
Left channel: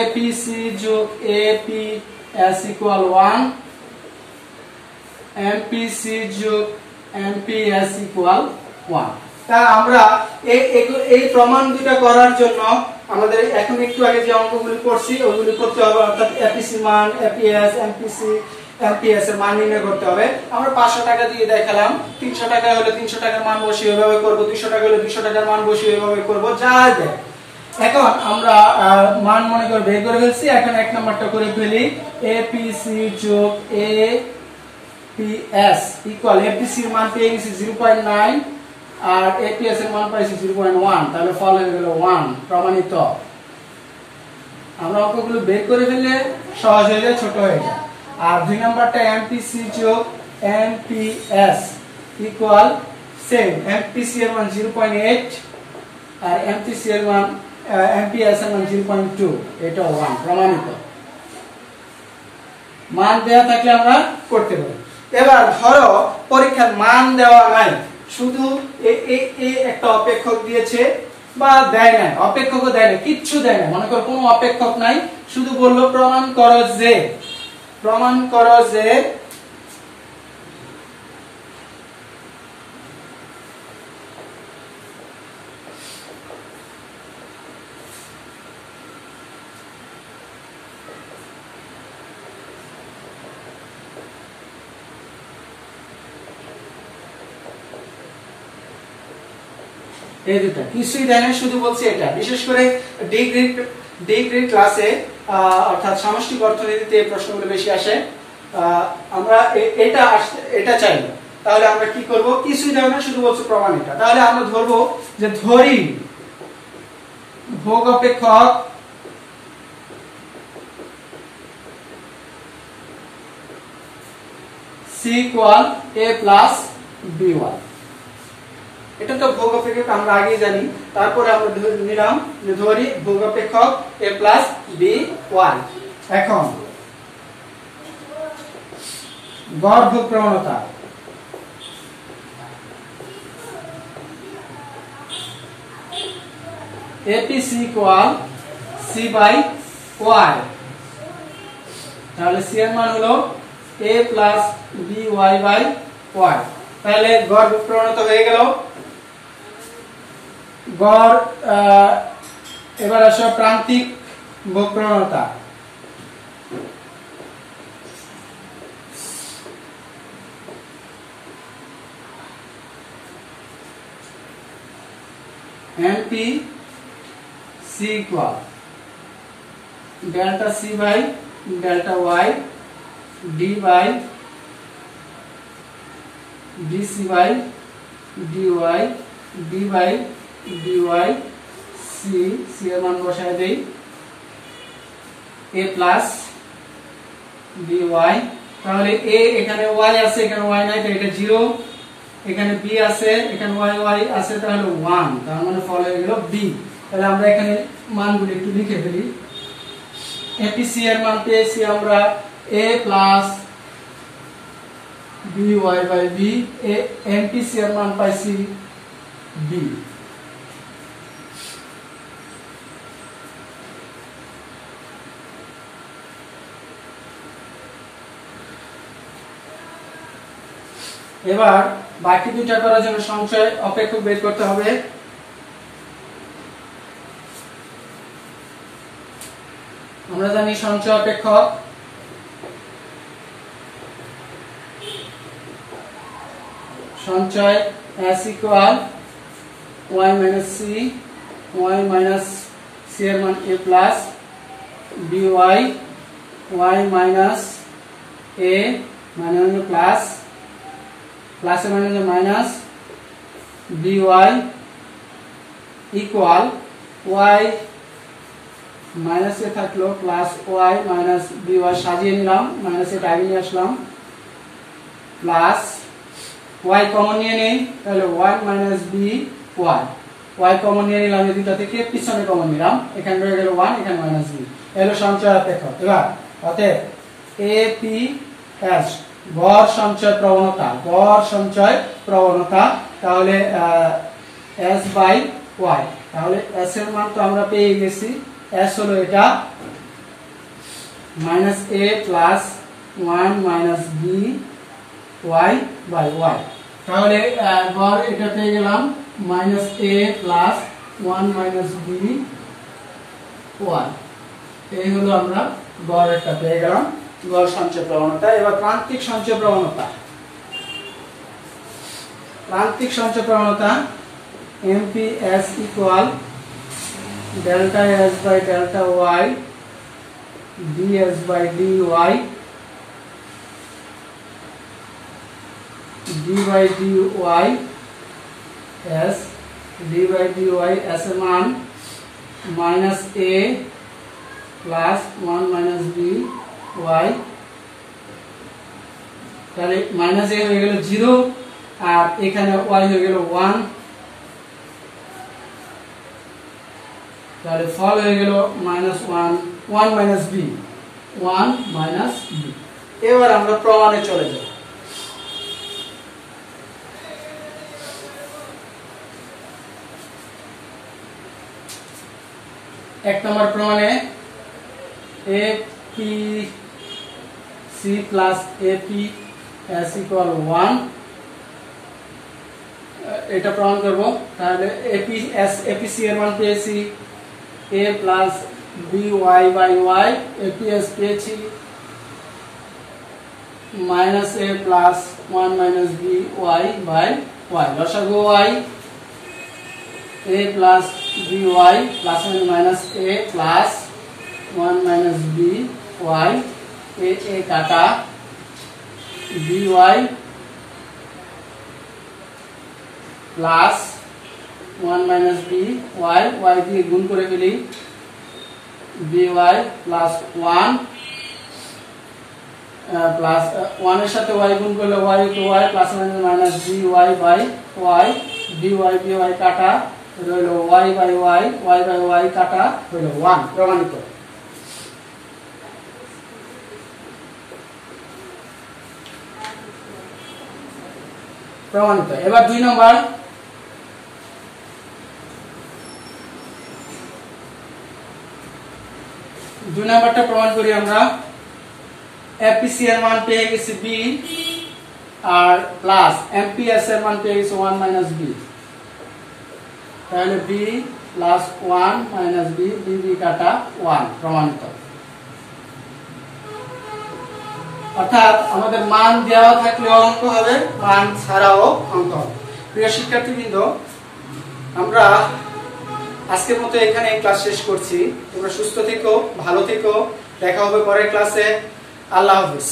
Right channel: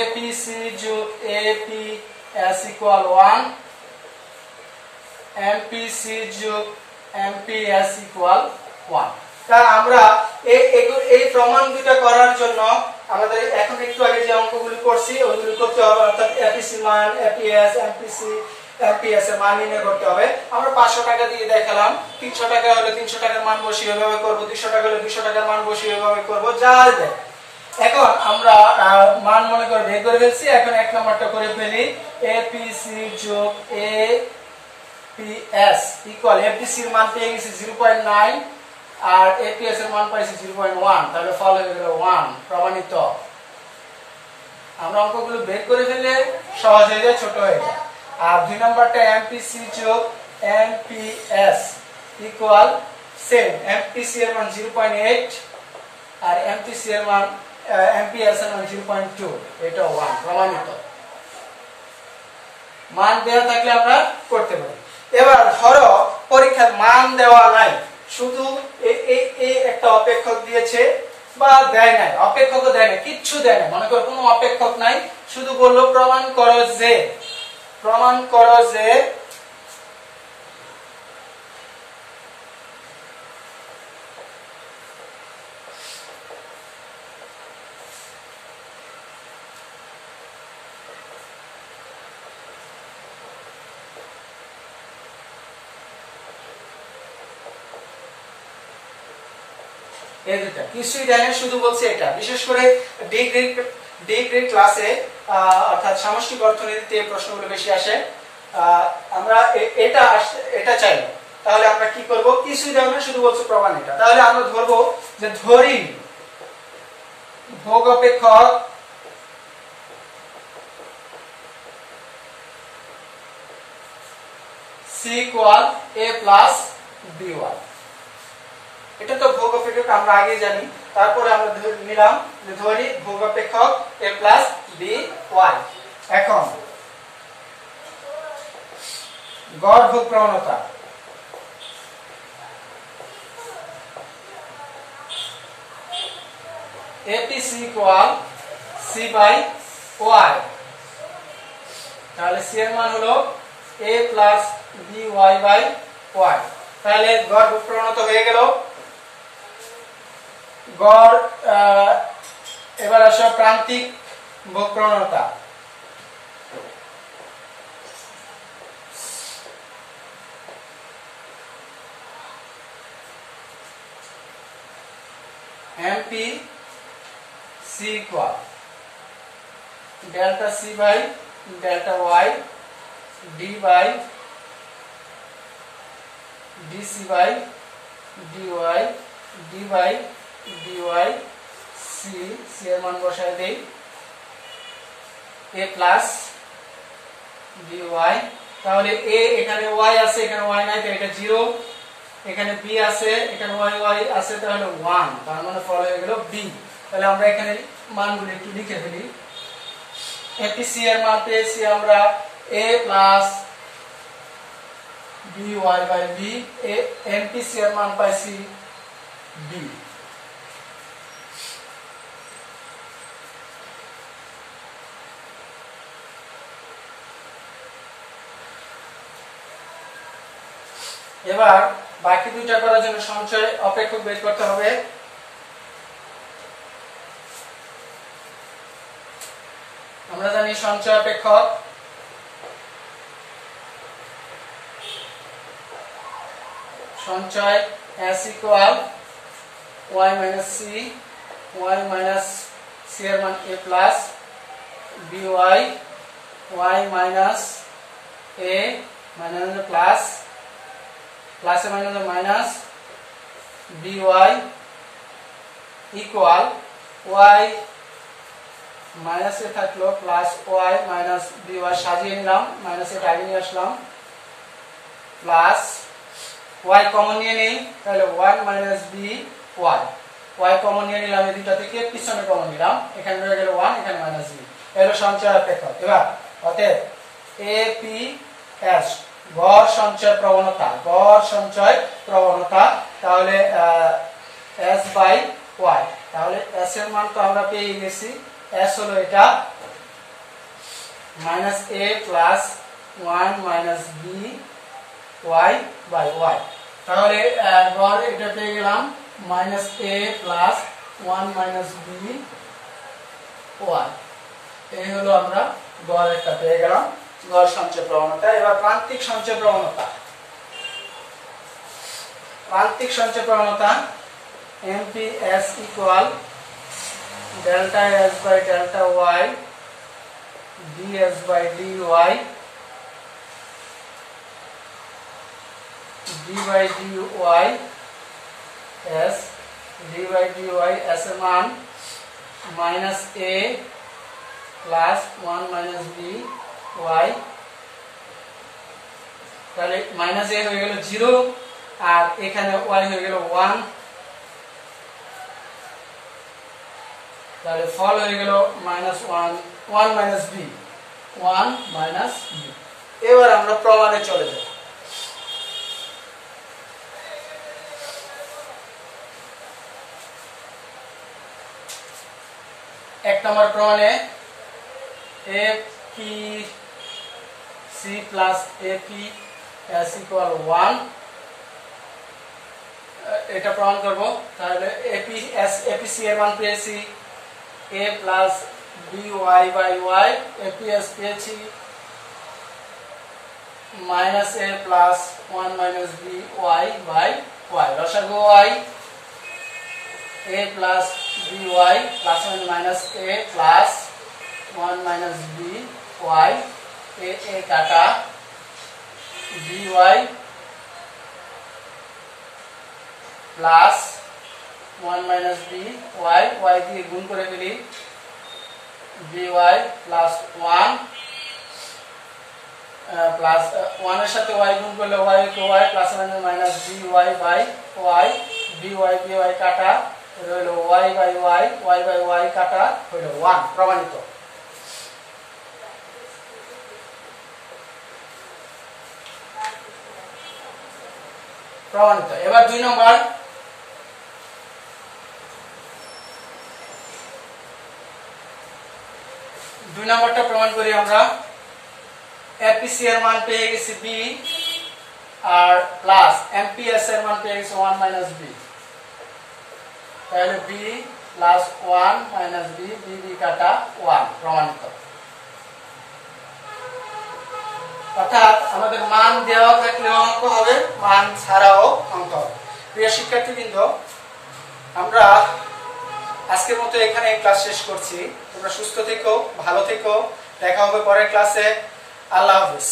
এপিসি যোগ এপিএস ইকুয়াল 1, এমপিসি যোগ এমপিএস ইকুয়াল 1। তা আমরা এই প্রমাণ দুটো করার জন্য আমাদের এখন একটু আগে যে অঙ্কগুলি করছি ওইগুলি করতে হবে, অর্থাৎ এপিসি মান, এপিএস, এমপিসি, এমপিএস এর মান নির্ণয় করতে হবে। আমরা 500 টাকা দিয়ে দেখালাম, 300 টাকা হলে 300 টাকার মান বসিয়ে এভাবে করব, 200 টাকা হলে 200 টাকার মান বসিয়ে এভাবে করব, যা দেয়। এখন আমরা মান মনে করে বের করে ফেলছি। এখন এক নাম্বারটা করে ফেলি, এপিসি যোগ এপিএস ইকুয়াল, এপিসি এর মান পেয়ে গেছি 0.9 আর এপিএস এর মান পাইছি 0.1, তাহলে ফল হয়ে গেল 1, প্রমাণিত। আমরা অঙ্কগুলো বের করে ফেললে সহজ হয়ে যায়, ছোট হয়ে যায়। আর 2 নাম্বারটা এমপিসি যোগ এমপিএস ইকুয়াল সেম, এমপিসি এর মান 0.8 আর এমপিসি এর মান এমপিএস এর মান 0.2, এটা 1, প্রমাণিত। মান দেওয়া থাকলে আমরা করতে পারি। এবার ধরো পরীক্ষার মান দেওয়া নাই, শুধু এই একটা অপেক্ষক দিয়েছে বা দেয় নাই, অপেক্ষকও দেয় না, কিচ্ছু দেয় না, মনে করো কোনো অপেক্ষক নাই, শুধু বললো প্রমাণ করো যে এই দুটা কিছুই দেয় না, শুধু বলছে এটা। বিশেষ করে ডিগ্রি ক্লাসে অর্থাৎ সামষ্টিক অর্থনীতিতে এই প্রশ্নগুলো বেশি আসে। আমরা এটা চাই, তাহলে আমরা কি করব, কিছুই দেয় না, শুধু বলছে প্রমাণিত। তাহলে আমরা ধরবো যে ধরি ভোগ অপেক্ষক C equal A plus BY। এটা তো ভোগ অপেক্ষক আমরা আগে জানি। তারপরে আমরা নিলাম ধরি ভোগ অপেক্ষক a প্লাস বি ওয়াই। এখন গড় ভোগ প্রবণতা APC equal C by Y, তাহলে C এর মান হলো A plus BY by Y। তাহলে গড় ভোগ প্রবণতা হয়ে গেল। গড় এবার আসো প্রান্তিক ভোগ প্রবণতা। MPC equal delta C by delta Y D by DC by DY D by DY C এর মান বসায় দেই A প্লাস BY। তাহলে A এখানে Y আছে, এখানে Y নাই, তাহলে এটা 0, এখানে B আছে, এখানে Y আছে, তাহলে 1, তার মানে ফল হয়ে গেল B। তাহলে আমরা এখানে মানগুলো একটু লিখে ফেলি। APC এর মান পেয়েছি আমরা A plus BY by B, MPC এর মান পাইছি B। এবার বাকি দুইটা করার জন্য সঞ্চয় অপেক্ষক বের করতে হবে। আমরা জানি সঞ্চয় অপেক্ষক সঞ্চয় S equal Y minus C, Y minus C এর মান A plus BY, Y minus A minus plus প্লাসে মাইনাসে minus BY equal Y minus A থাকলো প্লাস Y মাইনাস BY, সাজিয়ে নিলাম, মাইনাস এটা আগে নিয়ে আসলাম, প্লাস Y কমন নিয়ে নেই, তাহলে 1 মাইনাস BY, Y কমন নিয়ে নিলাম, এই দুটো থেকে পিছনে কমন নিলাম, এখানে রয়ে গেল 1, এখানে মাইনাস B। এলো সঞ্চয় অপেক্ষক। এবার অতএব APS গড় সঞ্চয় প্রবণতা, গড় সঞ্চয় প্রবণতা, তাহলে S বাই Y। তাহলে S এর মান তো আমরা পেয়ে গেছি, S হলো এটা minus A plus 1 minus BY by Y। তাহলে গড় এটা পেয়ে গেলাম minus A plus 1 minus BY। এই হলো আমরা গড় একটা পেয়ে গেলাম, গড় সঞ্চয় প্রবণতা। এবার প্রান্তিক সঞ্চয় প্রবণতা। প্রান্তিক সঞ্চয় প্রবণতা MPS equal delta S by delta Y DS by DY D by DY S D by DY S এর মান minus A plus 1 minus BY। তাহলে মাইনাস A হয়ে গেল 0 আর এখানে Y হয়ে গেল 1, তাহলে ফল হয়ে গেল minus 1 minus B, 1 minus B। এবার আমরা প্রমাণে চলে যাব। এক নম্বর প্রমাণে APC প্লাস APS ইকুয়াল 1, এটা প্রমাণ করব। তাহলে APC এর মান পেয়েছি A plus BY by Y, APS পেয়েছি minus A plus 1 minus BY by Y। লসাগু Y A plus BY plus minus A plus 1 minus BY, A কাটা BY plus 1 minus BY, Y দিয়ে গুণ করে ফেলি, BY প্লাস 1 প্লাস 1 এর সাথে Y গুণ করলে Y কে Y plus minus BY by Y B Y কাটা হলো ওয়াই বাই ওয়াই কাটা হলো 1 প্রমাণিত। প্রমাণিত। এবার 2 নম্বর, নম্বরটা প্রমাণ করি আমরা। এপিসি এর মান পেয়ে গেছি বি আর প্লাস এমপিএস এর মান পেয়ে গেছি 1 মাইনাস বি, তাহলে B plus 1 minus B, B কাটা 1 প্রমাণিত। অর্থাৎ আমাদের মান দেওয়া থাকলেও অঙ্ক হবে, মান ছাড়াও অঙ্ক হবে। প্রিয় শিক্ষার্থীবৃন্দ, আমরা আজকের মতো এখানে ক্লাস শেষ করছি। তোমরা সুস্থ থেকো, ভালো থেকো, দেখা হবে পরের ক্লাসে। আল্লাহ হাফেজ।